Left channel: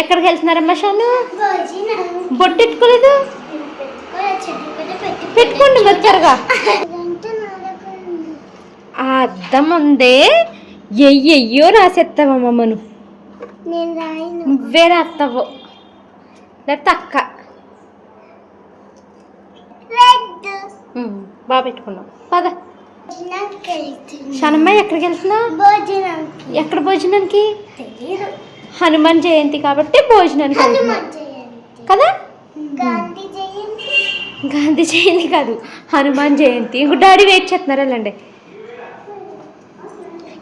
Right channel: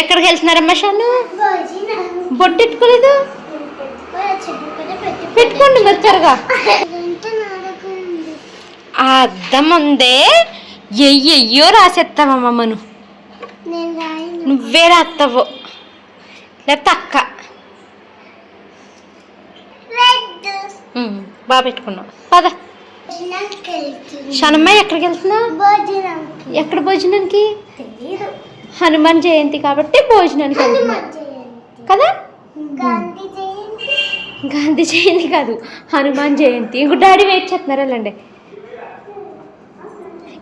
ఎక్కడికి వెళ్తున్నారమ్మా షాను? బొట్టెట్టుకోలేదు? పెట్టుకోండి మరి త్వరగా. అద్దం ఉందే, ఎయ్యో రాసేస్తావమ్మా నువ్వే రాస్తావు లేకపోతే అక్క. బాగా పెట్టుకున్నావు. పద షానమ్మ, ఎక్కడికి వెళ్తున్నావు? ఎక్కడ భోజనానికి? హనుమాన్ జయంతి కాబట్టి భోజనానికి వెళ్తున్నావు కదా. గాంధీ జయంతి కాదు, హనుమాన్ జయంతి. ఇంకో డాడీ వెయిట్ చేస్తున్నారు, వెళ్ళండి.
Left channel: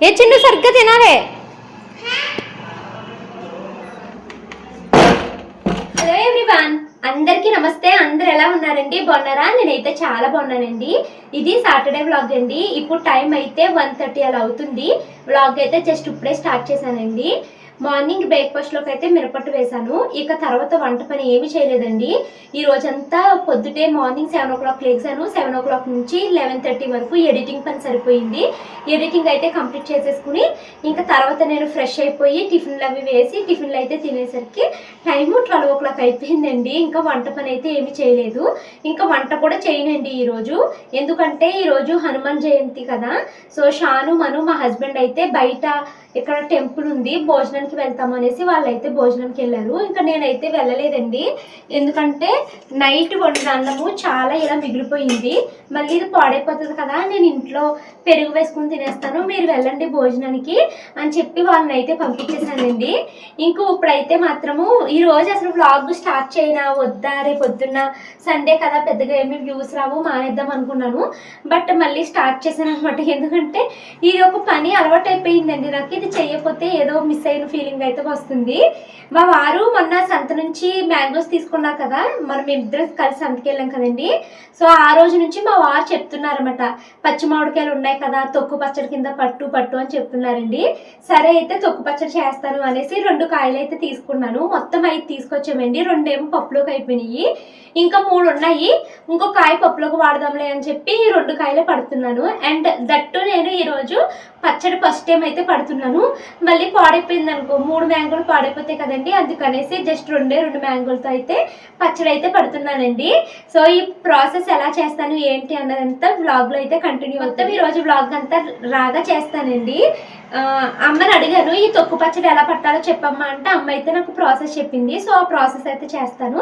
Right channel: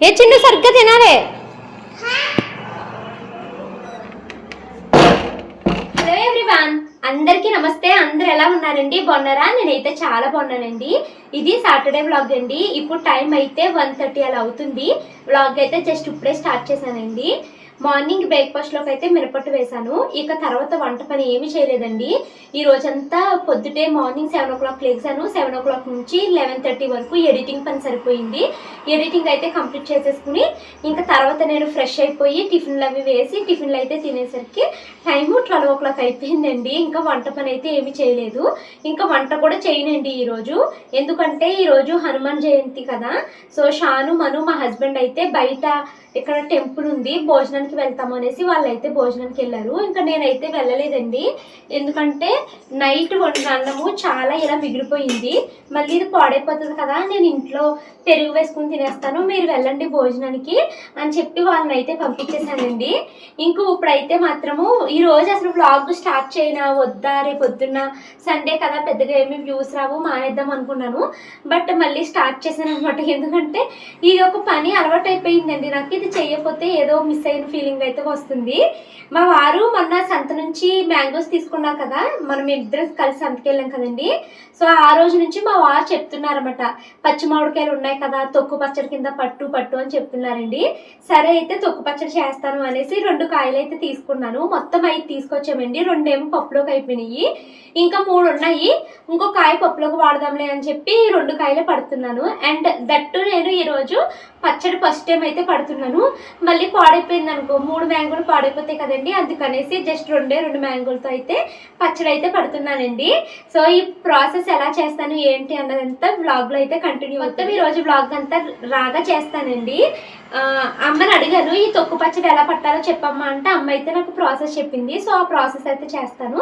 ఏ చిన్న సరిగ్గా తినాలే. హలో ఎవ్రీవన్, అందరికీ నమస్తే. అందరు ఎలా ఉన్నారండి? బాగున్నారా? నేనైతే చాలా బాగున్నానండి. ఇది సాటర్డే వ్లాగ్ అండి. ఇప్పుడు టైం అయితే 1:30 అలా అవుతుంది. వ్లాగ్ అయితే జస్ట్ ఇప్పుడే స్టార్ట్ చేశానండి. మార్నింగ్ బ్రేక్ఫాస్ట్లోకి అయితే మిరపట్టు వేశాను. ఇక తర్వాత వంట పని ఏమీ చేయలేదండి. ఈ రోజంతా పొద్దుటే మార్నింగ్ 7 o'clock లేచాను. 7 o'clock నుంచి 11:30 వరకు ఎడిటింగ్ పని సరిపోయింది. ఎడిటింగ్ అయితే కంప్లీట్ చేసేసుకుని ఇంకా తర్వాత నేను ఫ్రెష్ అయిపోయి టిఫిన్లు అవి వేసి టిఫిన్లు అయితే తినేసరికి టైము 12 o'clock అయిపోయిందండి. ఇంకా వంట పని అయితే ఏమీ చేయలేదు. ఇంకా వంట కూడా చేయనండి ఈరోజు. ఎందుకంటే ఈరోజు హనుమాన్ జయంతి కదా. సో షాను మను మా హస్బెండ్ అయితే బయట ఇక్కడ టెంపుల్ ఉంది, భోజనానికి వెళ్తాము అనేసి వాళ్ళైతే భోజనానికి వెళ్ళారు. ఇంకా నేనైతే వెళ్ళలేదండి. ఎందుకంటే నైట్ వండిన అన్నము చాలా ఇలా మిగిలిపోయింది. మళ్ళీ ఇది పాడైపోతుంది కదా, నేను ఇంట్లో పెరుగు వేసుకుని తినేస్తాను, మీరు వెళ్ళండి భోజనానికి అని చెప్పి వాళ్ళని అయితే పంపించేశానండి. ఇంకో ఇప్పుడైతే మాత్రము ఈరోజు అసలు వ్లాగ్ స్టార్ట్ చేయనా వద్దా, రేపు పొద్దున్న సండే కదా పెద్దగా ఏమి వ్యూస్ రావు, మానేద్దాం అనుకున్నాను. బట్ మళ్ళీ స్టార్ట్ చేశాను అనమాట. ఎందుకంటే ఇది ఒక పని అలవాటు అయిపోయిందండి నాకు. ఇది చేయకపోతే ఏదో మిస్ అయిన ఫీలింగ్ అయితే వస్తుంది. మా వారు మొన్న సంత నుంచి మ్యాంగోస్ తీసుకున్నారు కదా, మనం ఇద్దరం కలిసి సంతకి వెళ్ళాం కదండి. సో ఆ రోజు నుంచి మా వారు చెప్తున్నారన్నమాట, పచ్చి మామిడికాయలు ఉన్నాయి కదా, తొక్కు పచ్చడి కింద పట్టు అని చెప్తున్నారండి. సరే అయితే తొక్కు పచ్చడి చేస్తాను అనేసి 2 కాయలు అయితే తీసుకున్నాను. మొత్తం 5 తీసుకొచ్చామండి. 2 ఏమో పప్పులోకి అయిపోయినాయి, ఇంకా 3 ఉన్నాయి. ఇంకో కాయ పప్పులోకి వాడదాంలే అని చెప్పి 2 కాయలే పడుతున్నాను. అండ్ దట్టు నేను ఈరోజు పచ్చడి ఫస్ట్ టైం అయితే పడుతున్నాను. మళ్ళీ పాడైపోయింది అనుకో, 3 మ్యాంగోలు పాడైపోతాయి కదండి, అందుకనేసి జస్ట్ 2 మ్యాంగోలతో అయితే పచ్చడి అయితే పడుతున్నానండి. సో ఈ ప్రాసెస్ ఎలా చేస్తాను ఏంటి అన్నదంతా వ్లాగ్లో అయితే కంటిన్యూ అవుతాం. ఈరోజు వ్లాగ్ అంతా రాగా చేస్తానండి. అమ్మని అడిగాను, ఈ తొక్కు పచ్చడి ఎలా పట్టాలో చెప్పమ్మా అంటే అమ్మ అయితే నాకు ప్రాసెస్ చెప్పింది. సో ఆ ప్రాసెస్ అయితే చేస్తాను.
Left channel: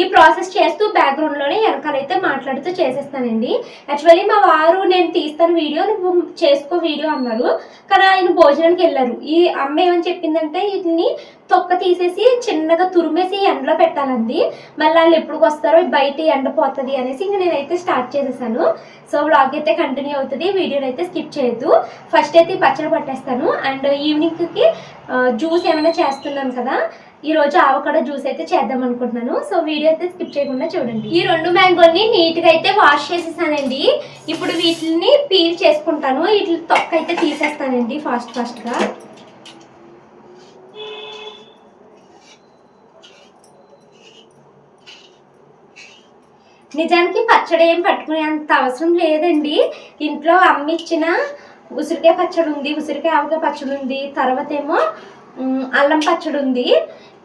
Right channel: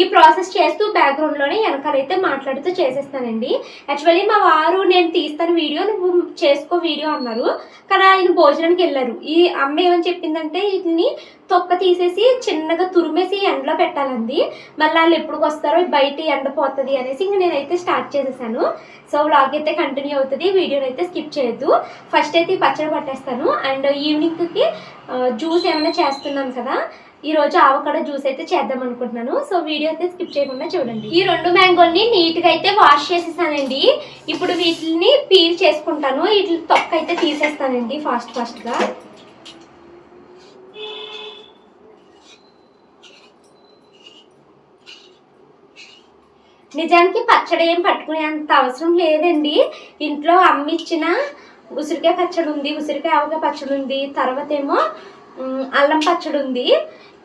ఈ ప్రాసెస్ చేస్తూ బ్యాక్గ్రౌండ్లోనే వెనకాలైతే మాట్లాడుతూ చేసేస్తానండి. యాక్చువల్లీ మా వారు నేను తీస్తాను వీడియో, నువ్వు చేసుకో వీడియో అన్నారు, కానీ ఆయన భోజనానికి వెళ్ళారు. ఈ అమ్మ ఏమని చెప్పిందంటే వీటిని తొక్క తీసేసి చిన్నగా తురిమేసి ఎండలో పెట్టాలండి, మళ్ళీ వాళ్ళు ఎప్పుడు వస్తారో బయట ఎండపోతుంది అనేసి ఇంక నేనైతే స్టార్ట్ చేసేసాను. సో వ్లాగ్ అయితే కంటిన్యూ అవుతుంది, వీడియోని అయితే స్కిప్ చేయొద్దు. ఫస్ట్ అయితే పచ్చడి పట్టేస్తాను అండ్ ఈవినింగ్కి జ్యూస్ ఏమైనా చేస్తున్నాను కదా, ఈరోజు ఆవకాడో జ్యూస్ అయితే చేద్దాం అనుకుంటున్నాను. సో వీడియో అయితే స్కిప్ చేయకుండా చూడండి. ఈ 2 మ్యాంగోల్ని నీట్గా అయితే వాష్ చేసేసానండి. ఇప్పుడు వీటిని పీల్ చేసుకుంటాను. వీటి తొక్క అయితే తీసేస్తానండి ఫాస్ట్గా. నిజానికి పచ్చడి ఏం పట్టుకునే అంత అవసరం లేదండి. ఇంట్లో అమ్మ ఇచ్చిన ఉసిరికాయ పచ్చడి ఉంది, ఉసిరికాయ ఆవకాయ పచ్చడి ఉంది, తర్వాత ఏమో అల్లం పచ్చడి ఉంది.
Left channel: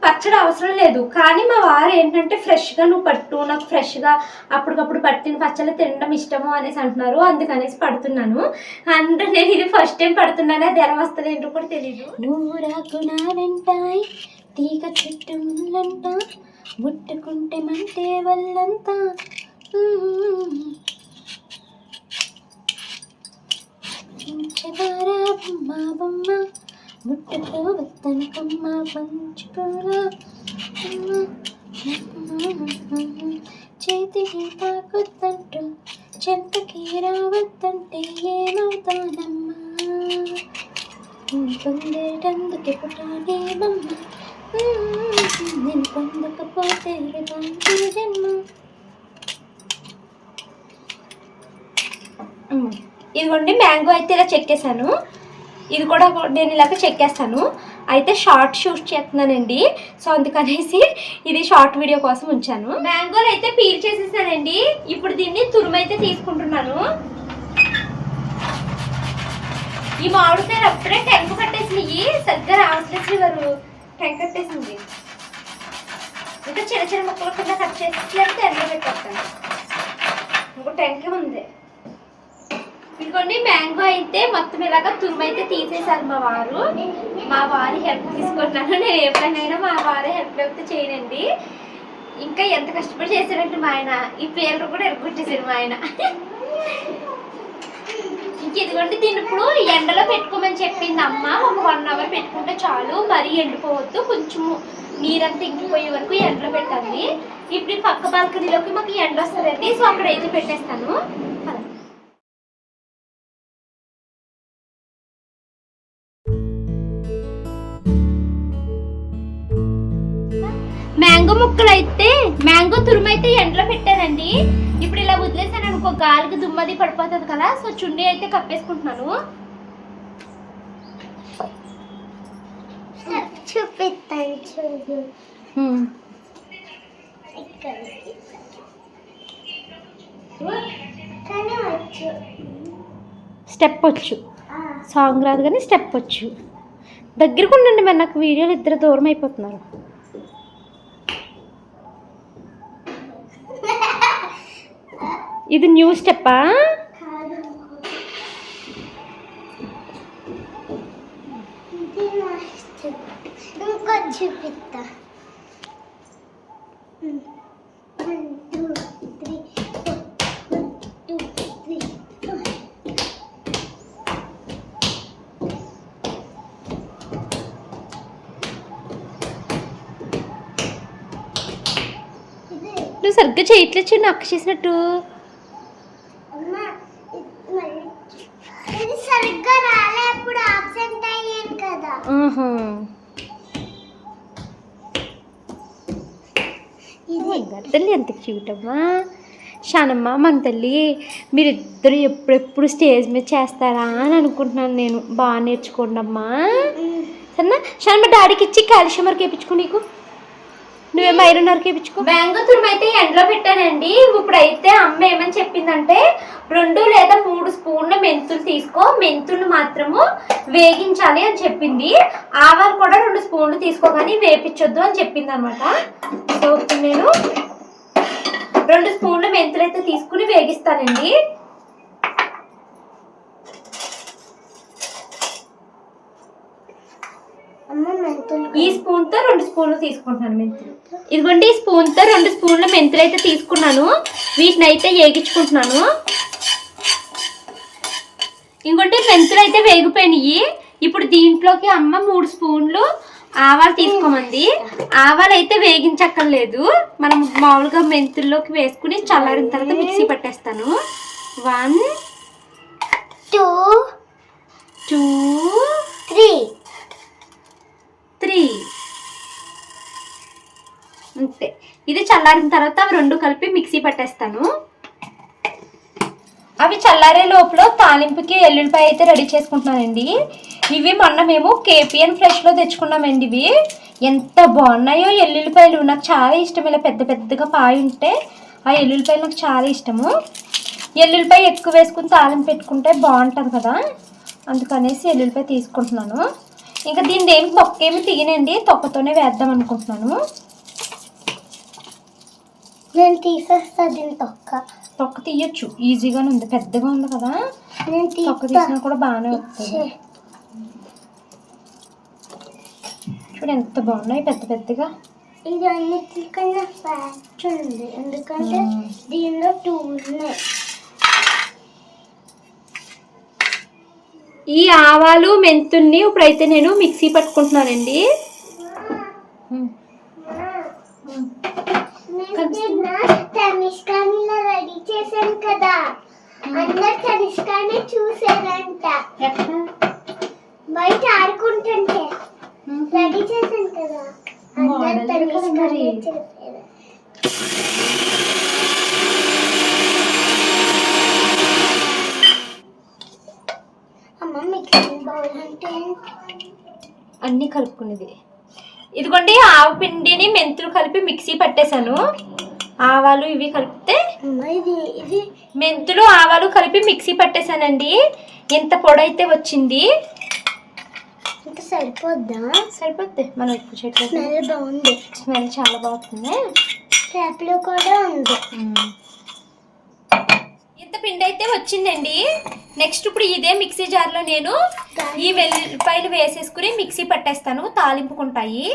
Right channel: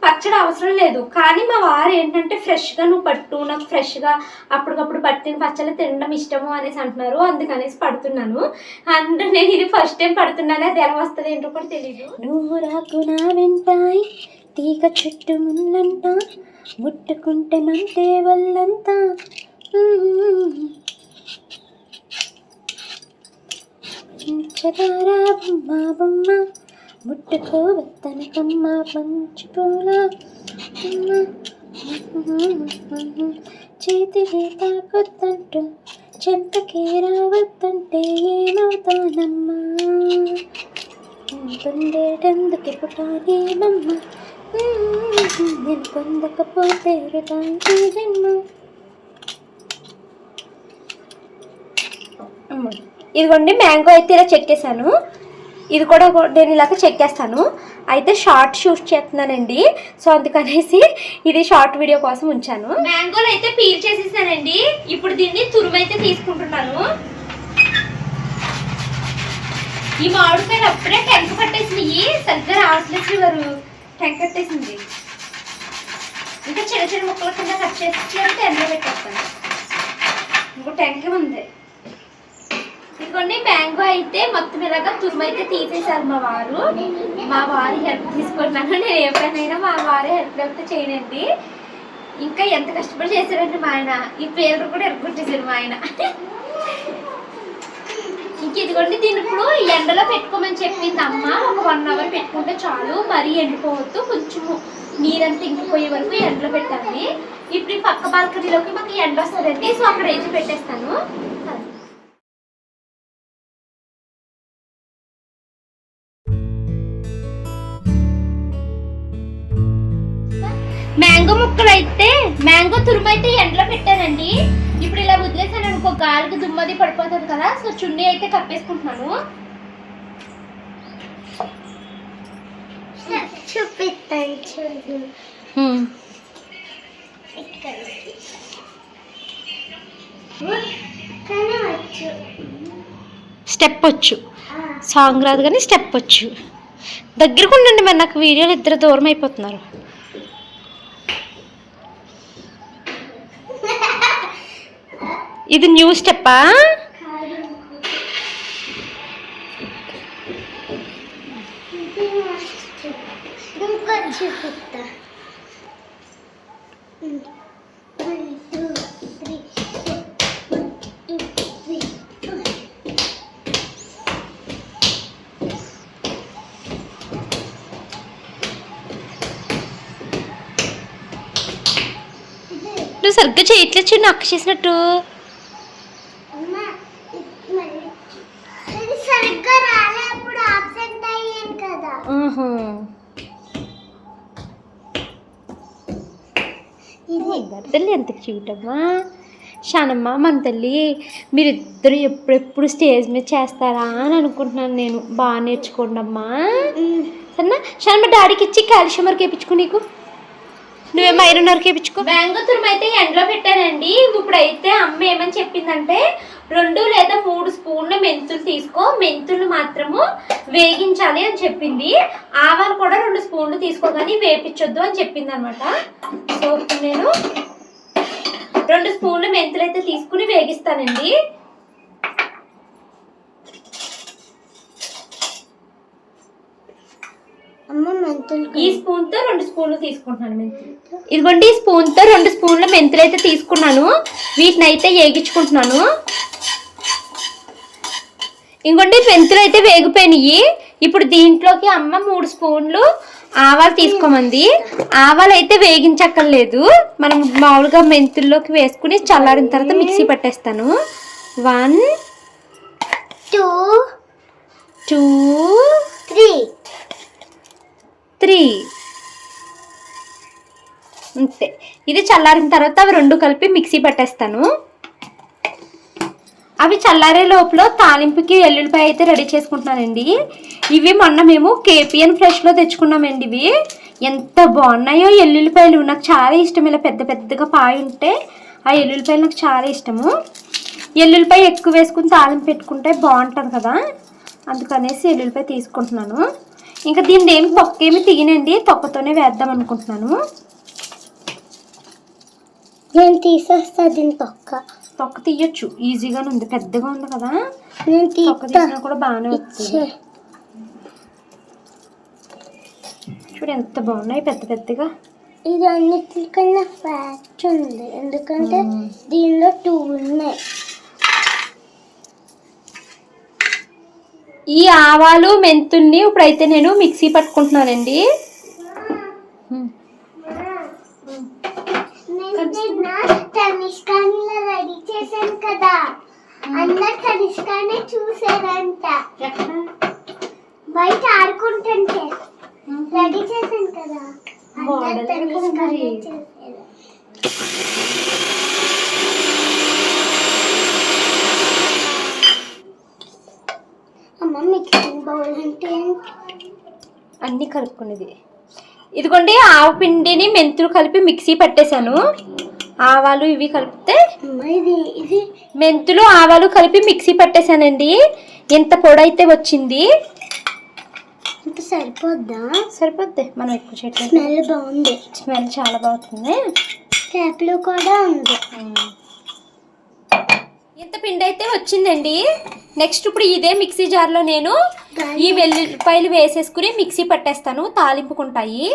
పచ్చడి అవసరం లేదు, కానీ మా వారు ఏంటంటే ఫ్రెష్గా నువ్వు పట్టు, నాకు ఫ్రెష్గా అప్పటికప్పుడు పట్టిన పచ్చడి తినడం ఇష్టము అనేసి అంటున్నారు, అందుకనేసి పడుతున్నాను. అండ్ నేను ఇది ఫస్ట్ టైం పడుతున్నాను, అది ఎలా వస్తుంది ఏంటో కూడా తెలీదు. నువ్వు రాకు నా వెంటాయి తీగ చుట్టూ ముళ్ళంట, ముట్టుకుంటే మంటే వల్లంతా, చదారా బొమ్మ బొమ్మ ముట్టుకోవద్దనకమ్మ పంచుకోలా, చేతికి తాకొద్దంటూ చెంపకి రావద్దంటే ఏమవుతానమ్మా, పొందేటందుకు పుట్టానేమమ్మ, నేను పొందకపోతే వృధానికి జన్మ. ఇదిగోండి మ్యాంగో అయితే ఇలా చెక్కేసాను. ఇది కూడా నేను ఇలాగ చెక్కేస్తాను. అయితే షార్ట్ షూట్ చేస్తున్నానండి, సో అందుకనేసి ఇది షార్ట్ వీడియో కోసం ఉంచాను. మ్యాంగోలు అయితే పీల్ చేసేసానండి. ఇప్పుడు దీన్ని తురుమైతే తీసుకుంటున్నాను. ఈ మామిడికాయలు అప్పుడే టెంక పట్టేసినాయి, సరిగ్గా రావట్లేదు, వారు టెంక కట్టేసింది. ఇంకా చిన్న చిన్న ముక్కల కింద కట్ చేసి ఎండలో పెట్టేస్తాను. ఇంకో టెంకాయ ఉంది. ఇదిగోండి మ్యాంగో అయితే మొత్తం ఇలాగా తురుము అయితే తీసేసారు మా వారి హెల్ప్ తీసుకుంటాను. నేను ఏ పనైనా మా వారి హెల్ప్ అయితే చేయనండి. ఇంకా ఎంత కష్టపడి చేశారంటే మా ఆయన ఈ పేరు కూడా ఎరుకుంటేసారు మా ఆయన. ఇంక ఇదిగోండి దీన్ని ఇప్పుడు ఎండలో పెట్టుకోమని చెప్పింది అమ్మ. ఒక 1 hour పెట్టుకుంటే చాలు, మరీ ఎండిపోవద్దు, కొంచెము నీరంతా ఇంకిపోయే వరకు ఎండలో పెట్టాలి. ఇప్పుడు ఈ పక్క బాల్కనీలోకి మాకు ఎండ వస్తుందండి, సో అక్కడ అయితే పెట్టేస్తాను. మ్యాంగో ముక్కలు అయితే మ్యాంగో తురుము అయితే ఎండలో పెట్టానండి. ఇప్పుడు ఇలా వదిలేసాను అనుకో గాలికి దుమ్మది పడిపోతుంది కదా, సో చున్నీ అయితే కప్పేసుకుంటున్నాను. స్టెప్ వచ్చు, సాంగ్ రాదు కానీ స్టెప్ వచ్చు. దగ్గరకు ఉండండి మరి, నాకు వీడియోలు ఇద్దరు దూరం అయిపోతున్నారు. ఇది న్యూ స్టెప్పా? నువ్వు సరిగ్గా చేయట్లేదు చిన్న అక్క చేసినట్టు. తల్లి ఎంత క్యూట్ అమ్మా. షానమ్మ మన తల్లి, మీరిద్దరు ఎప్పుడెప్పుడు స్టేజ్ మీద చేస్తారా అని అనుకుంటున్నాను నేను. బాగా నేర్చుకోండి అమ్మా సరేనా. షానమ్మ డాడీకి ఇచ్చి కాల్షియం వరకు వేయించుకో, నీకు నువ్వేమో ఐరన్ వరకు వేయించుకో. మ్యాంగో తురుము అయితే ఎండలో పెట్టానండి. ఇప్పుడైతే అమ్మ ఏమని చెప్పిందంటే 2 లేదా 3 స్పూన్ల మెంతులు తీసుకో, మెంతులు మాత్రము వేగించాలి అని చెప్పింది. ఆవాలు కూడా 2 స్పూన్లు తీసుకోగాని వేపించొద్దు అని చెప్పింది అనమాట. సో నేను 2 స్పూన్ల మెంతులు అయితే తీసుకుని వేగిస్తానండి. ఈ స్పూన్ తో 2 స్పూన్లు తీసుకుంటున్నాను మెంతులు. ఇదిగోండి ఈ స్పూన్ తో 2 స్పూన్ల మెంతులు అయితే తీసుకున్నాను. వీటిని అయితే వేగించుకుంటున్నాను. ఇంకోటి మెంతులు అయితే వేగిపోయినాయి. ఇప్పుడు దీంట్లోకి అమ్మ 3 స్పూన్లు ఆవాలు తీసుకోమంది. ఆవాలు అయితే వేగించక్కర్లేదు, మనం మామూలుగా మెంతుల్లోకి వేసుకుని చల్లారిన తర్వాత మిక్సీ పట్టేస్తాను. 1 2 3 అంతే. ఇది చల్లారిన తర్వాత అవి 2 కలిపి మిక్సీ పట్టేస్తాను. అవి చల్లారే లోపల తాలింపుకి ఎల్లుల్లిపాయ అయితే రెడీ చేసుకుంటున్నానండి. ఇవి మొన్న మేము కేపీఎన్ ఫ్రెష్లో తెచ్చుకున్నామండి. ఇవి ఎంత బాగున్నాయో ఎల్లుల్లిపాయలు, నాకు చాలా ఇష్టం. ఇలా పెద్ద పెద్దగా పాయ ఉంటే ఆ ఎల్లుల్లిపాయలు నాకు చాలా ఇష్టము. ఎల్లుల్లిపాయ ఎక్కువ వేసుకుని తాలింపు పెట్టుకుంటే బాగుంటుంది కదా, అందుకనేసి ఎల్లుల్లిపాయ తీసుకుంటున్నాను. ఇంకా దీన్ని ఏమి తొక్కేమి తీయనండి, తొక్కతోనే వేద్దాం అనుకుంటున్నాను. నేను తీసేస్తా దీన్ని. తొక్క తీయచ్చు, ఈజీగానే ఉంది, పెద్దగా ఉంది కదా. నేను తొక్క తీసినా కూడా బాగానే వస్తుంది. చూడు ఎంత బాగున్నాయి పెద్ద పెద్దగా. ఇది అన్నిటికన్నా ఫ్యాక్ట్ ఉంది, ఎందుకంటే దీనిలో 2 ఉన్నాయి. ఈ ఆవాలు మెంతుల్ని ఇప్పుడైతే నేను మిక్సీ పట్టుకుంటున్నానండి. తనిష్కానిలా రెడీ చేశాను కదా, అందరు తనిష్కానే చూసారంట. బయట ఆడుకుంటుంటే రెడీ చేశాను కదా, అమ్మ మిక్సింగ్ బౌల్ అంటే అన్నీ కలుపుకునేది. ఇదిగోండి ఆవు పిండిని మెంతులు కలిపి మిక్సీ పట్టేశాను. ఆవాలు ఇవి కలిపితే మెంతులు ఆవాలు కలిపి మిక్సీ పట్టేశానండి. ఎంత పొడి అయితే వచ్చింది. ఇంకా సరిపోద్దా? సరిపోద్ది, మనం ఎక్కువ చేయట్లేదు. స్మెల్ బాగుంది. స్మెల్ చాలా బాగుంది. క్యాప్లో కూడా ఉంది. ఇంత పిండి అయితే వచ్చిందండి. నెక్స్ట్ ఇప్పుడు ఇదే మిక్సీ జార్లో నేను ఈ వెల్లుల్లిపాయలు వేసేసుకుని మిక్సీ పట్టేస్తాను. తాలింపుకుంటాయి.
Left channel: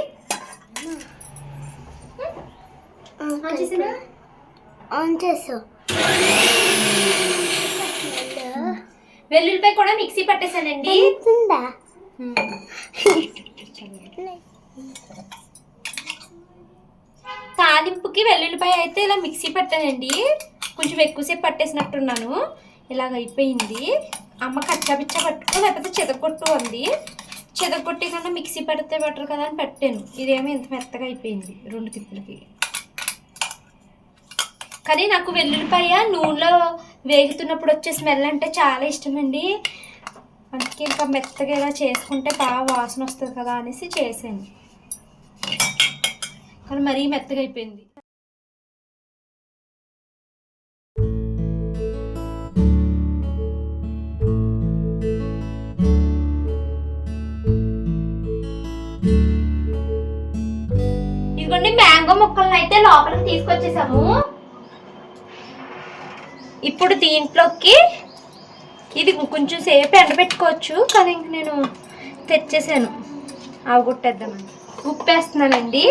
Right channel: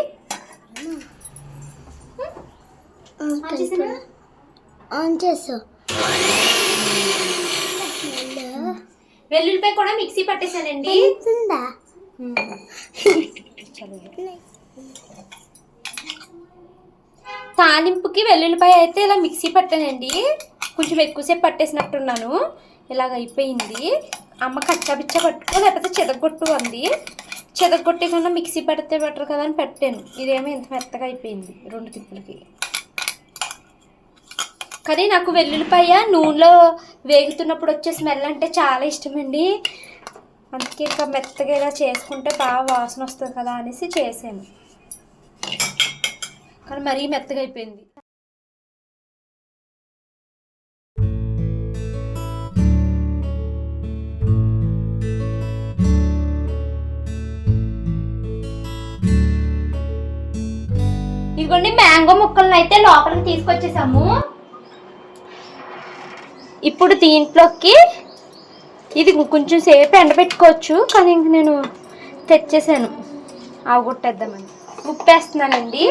ఆన్ చేసా. వెల్లుల్లిపాయ కూడా మిక్సీ పట్టేసానండి. తాలింపుకి వెల్లుల్లిపాయ అయితే ఇలా మిక్సీ పట్టానండి. కొంచెం ఎక్కువసేపు పట్టేసినట్టున్నాను. ఇలాగ అయిపోయింది. అమ్మ కచ్చాపిచ్చ పట్టుకో లేకపోతే చెదగొట్టు అంది. చెదగొట్టి కన్నా మిక్సీ పడితే బెటర్ కదా అని పెట్టాను. ఇదేమో ఇంత మెత్తగా అయిపోయింది 2 తిప్పులకి. కానీ నాకు వెల్లుల్లిపాయ నూనెలో వేగుతున్నప్పుడు వచ్చే స్మెల్ అంటే చాలా ఇష్టమండి. అందుకే ఇంకా మెత్తగా ఇలా చేసుకుంటే బాగా వాసన వస్తుంది కదా అనేసి చేశాను. కానీ మరీ మెత్తగా అయిపోయింది. ఇదిగోండి మ్యాంగో ముక్కలను అయితే లోపలికి తీసుకొచ్చేసాము. ఇప్పుడు దీంట్లోకి ఇది కొంచెం సేపు ఎండబెట్టుకోవచ్చు, కానీ ఇంక నేను తెచ్చేసాను అవగొట్టేద్దామని. ఉప్పు వేస్తున్నానండి.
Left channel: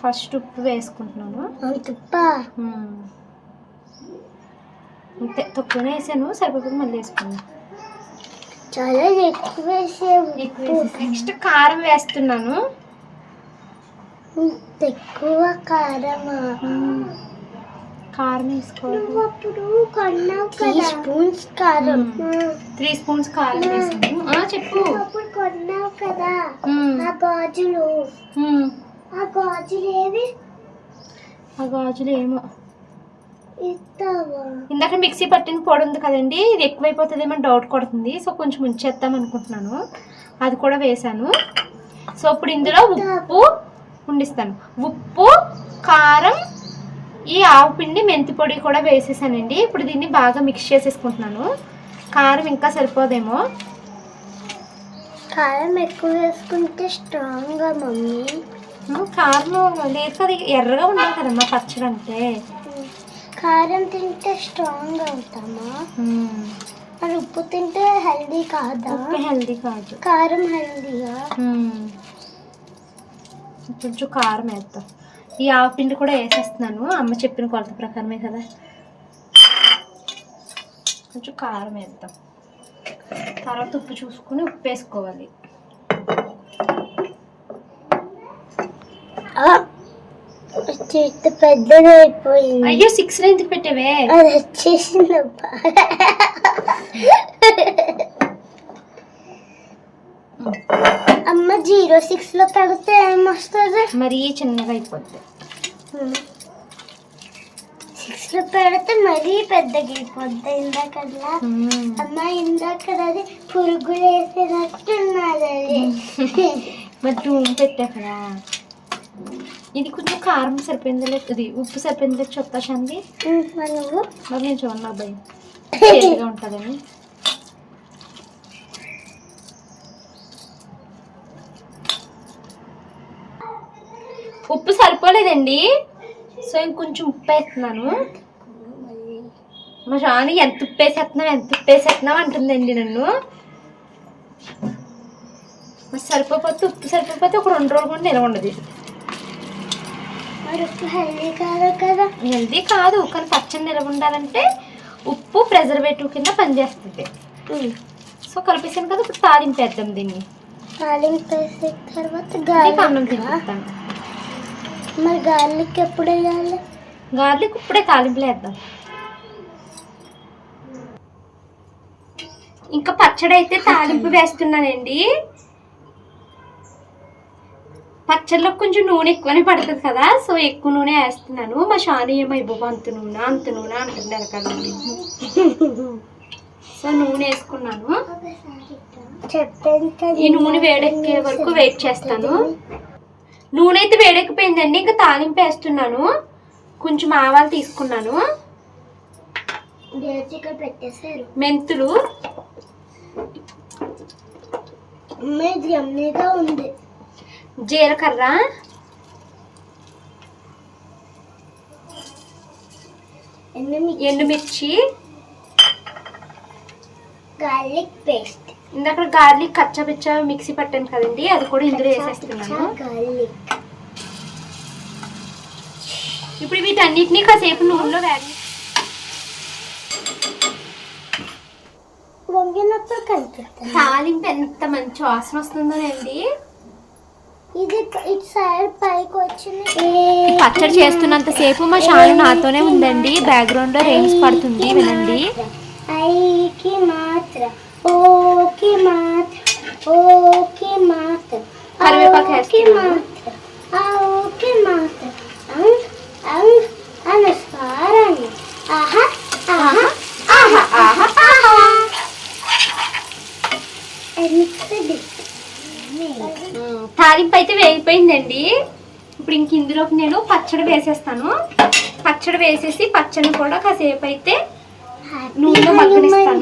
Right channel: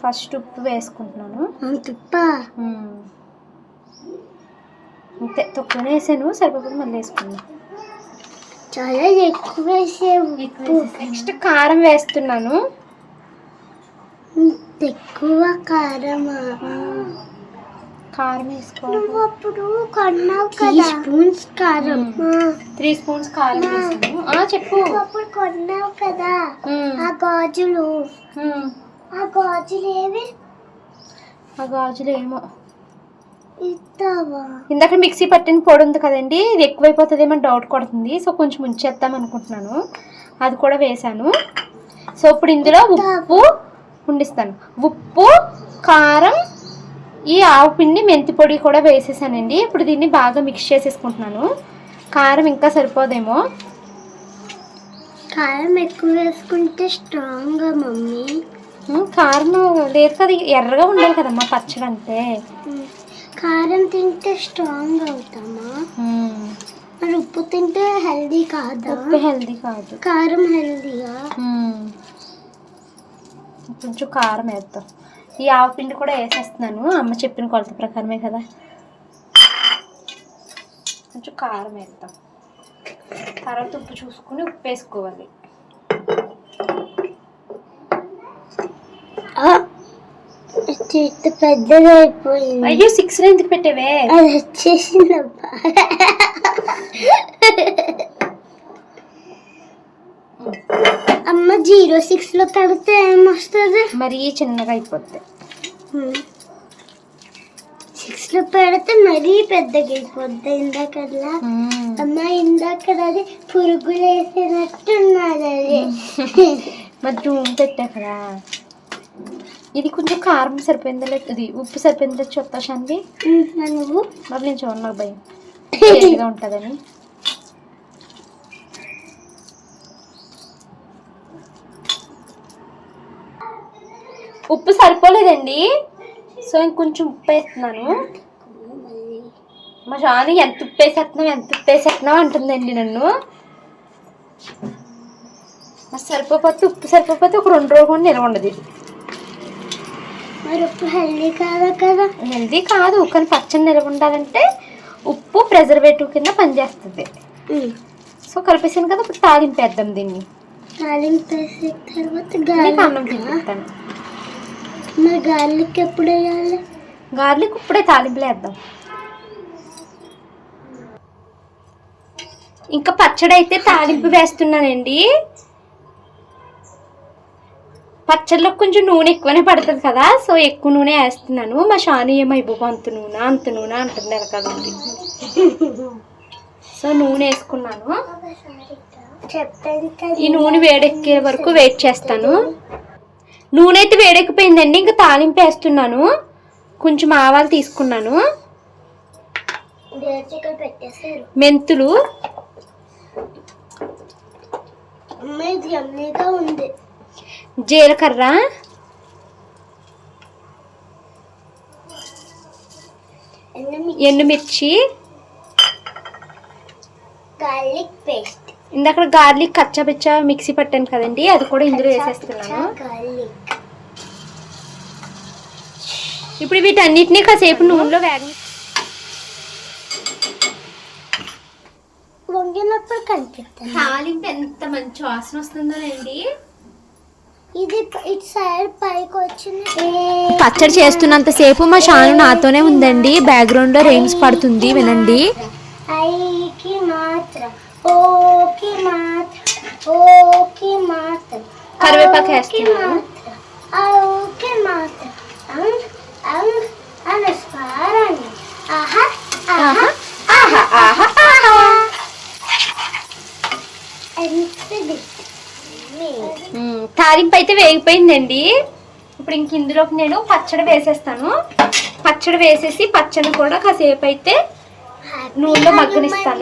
ఫస్ట్ ఉప్పు వేసుకుంటున్నాను. అంతే, తక్కువనే వేసాను. సరిపోతుంది, మళ్ళీ వేసుకున్నాను. చాలా ఎక్కువ వేసావు. నెక్స్ట్ కారం వేస్తున్నాను. ఎక్కువ కారమా? కారం వేసుకోవాలి. అప్పుడు కొన్నావు కదా 3 స్పూన్స్ కారం. 3 స్పూన్స్ కారం వేసాను. చెప్పు. అప్పుడు కొన్నావు కదా ఆ గాజులు. ఆ గాజులు ఏవి? ఆ గాజులు ఏమో ఇస్తావా? ఇందాక మిక్సీ పట్టిన పొడి ఉంది కదండి, ఇది ఎక్కువైపోతుందేమో డౌట్ కొడుతుంది. సో కొంచెం ఉంచేద్దాం అనుకుంటున్నాను. అది కూడా వేసాను. సో ఇప్పుడు ఇందులో ఉప్పు ఉండిస్తాను. ఉప్పు, కారం, ఈ ఆవు పిండి, మెంతి పొడి కూడా వేసేసానండి. ఇప్పుడు దీన్ని బాగా మిక్స్ చేసేసుకుంటున్నాను. కారం ఇంకా సరిపోదేమో. కారం ఎక్కువ వేసుకుంటే స్ట్రాంగ్గా మమ్మీ. కారం లేదు కదా, ఎర్రగా ఉండాలి కదమ్మా పచ్చడి అంటే. కారం తింటే స్ట్రాంగ్ అవుతామా? మరి ఉప్పు తింటే హెల్దీ కాదా? ఉప్పు హెల్దీ కాదు, కారం హెల్దీగా. కొంచెం కారం వేద్దాం. ఈ ఆవపిండి కూడా వేసేస్తున్నాను. అమ్మ చెప్పిన కొలత ప్రకారమే కదా. కొంచెం కారం వేద్దాం. తర్వాత ఉప్పు చూసుకుని ఉప్పు వేసుకోవాలి. పెద్దది అయిపోయింది. అయ్యో 6లో ఎందుకు పెట్టావే? అది వచ్చేసిందబ్బా. అమ్మ 06లో పెడితే ఏమొస్తుంది? మరీ చిన్నగా అయిపోద్ది. 6లో పెడితే మరీ పెద్దగా అయిపోద్ది. ఇందాకలా అమ్మ ఇందాకది పురుగులు వేసినట్టున్నది అది. మరి 2 పెట్టా కదా. ఇది కొంచెం కారం సరిపోయిందా లేదు, ఇది ఉప్పు సరిపోయిందా చెప్తా శాంతి. నువ్వు మరి నేను చూడను, నాకు భయం చేదుగా ఉంటుందని. ఉప్పు సరిపోలేదండి. సో ఇంకొంచెం ఉప్పు వేస్తున్నాను. మా షాని ఎంత ఉప్పు వేసేస్తున్నావు అంటుందండి నన్ను. సరిపోతే ఉప్పు సరిపోతే ఒక 2 రోజులు కూడా నిలవ ఉండదు. మరి ఉప్పు హెల్దీ కాదు కదా? హెల్దీ కాదు, కానీ పచ్చడి నిలవ ఉండాలంటే ఉప్పు ప్రిజర్వేటివ్ కింద పనిచేస్తుంది. సో కలిపేసాను కదా, ఇప్పుడు తాలింపేద్దాం దీన్ని. తాలింపు వేసిన తర్వాత గార్లిక్ అన్నం తింటాను. మరి గార్లిక్ ఎప్పుడు వేయాలి? గార్లిక్ ఇప్పుడే తాలింపులు వేద్దాం. ఇంకా పచ్చడి అయితే తాలింపు వేస్తున్నానండి. పచ్చడిలో కొంచెం నూనె ఎక్కువనే పడుతుంది కదా, సో ఎక్కువ నూనె వేస్తున్నాను. మా షాను ఏమో ఇవ్వవు అంత నూనె అంటుంది వెనకాలండి. సో నూనె వేసుకున్నాను. ఈ నూనె వేడెక్కే వరకు వెయిట్ చేస్తాను. నూనె అయితే వేడెక్కిపోయిందండి. ఇంకా తాలింపు వేస్తున్నాను. కొంచెం ఆవాలు తీసుకున్నాను, మెంతులు, యమ్మీగా ఉంది. జీలకర్ర, ఎండుమిర్చి, గార్లిక్ పేస్ట్. ఇందాక గార్లిక్ కచ్చపిచ్చ మిక్సీ పట్టాను కదండి, అది కూడా ఇందులో వేసేస్తున్నాను. గార్లిక్. ఇప్పుడు వీటన్నిటిని కాసేపు నూనెలో వంగినప్పుడు కనిపిస్తుంది. తాలింపు ఎంత మంచి వాసన వస్తుందోనండి. ఇది ఇటు సైడ్ పైకి వచ్చింది. పచ్చడి చేస్తున్నంత సేపు మా షాను నాతోనే ఉందండి. బ్యాక్గ్రౌండ్ లో రెయిన్స్ పడుతుంది, వినండి. ఐకి మాత్రం, ఓకి మాత్రం, ఓకి మాత్రం, కరివేపాకు వేస్తున్నాను. ఓకి మాత్రం, అనుస్వారాన్ని. ఆహా ఆహా ఆహా ఆహా ఆహా. తాలింపు అయితే వేగిపోయిందండి. ఇప్పుడు ఇంక ఇందులోకి నేను పచ్చడి వేసేస్తాను. పచ్చడి వేసేసి పచ్చడి కూడా కాసేపు అయితే నూనెలో మగ్గనిస్తాను.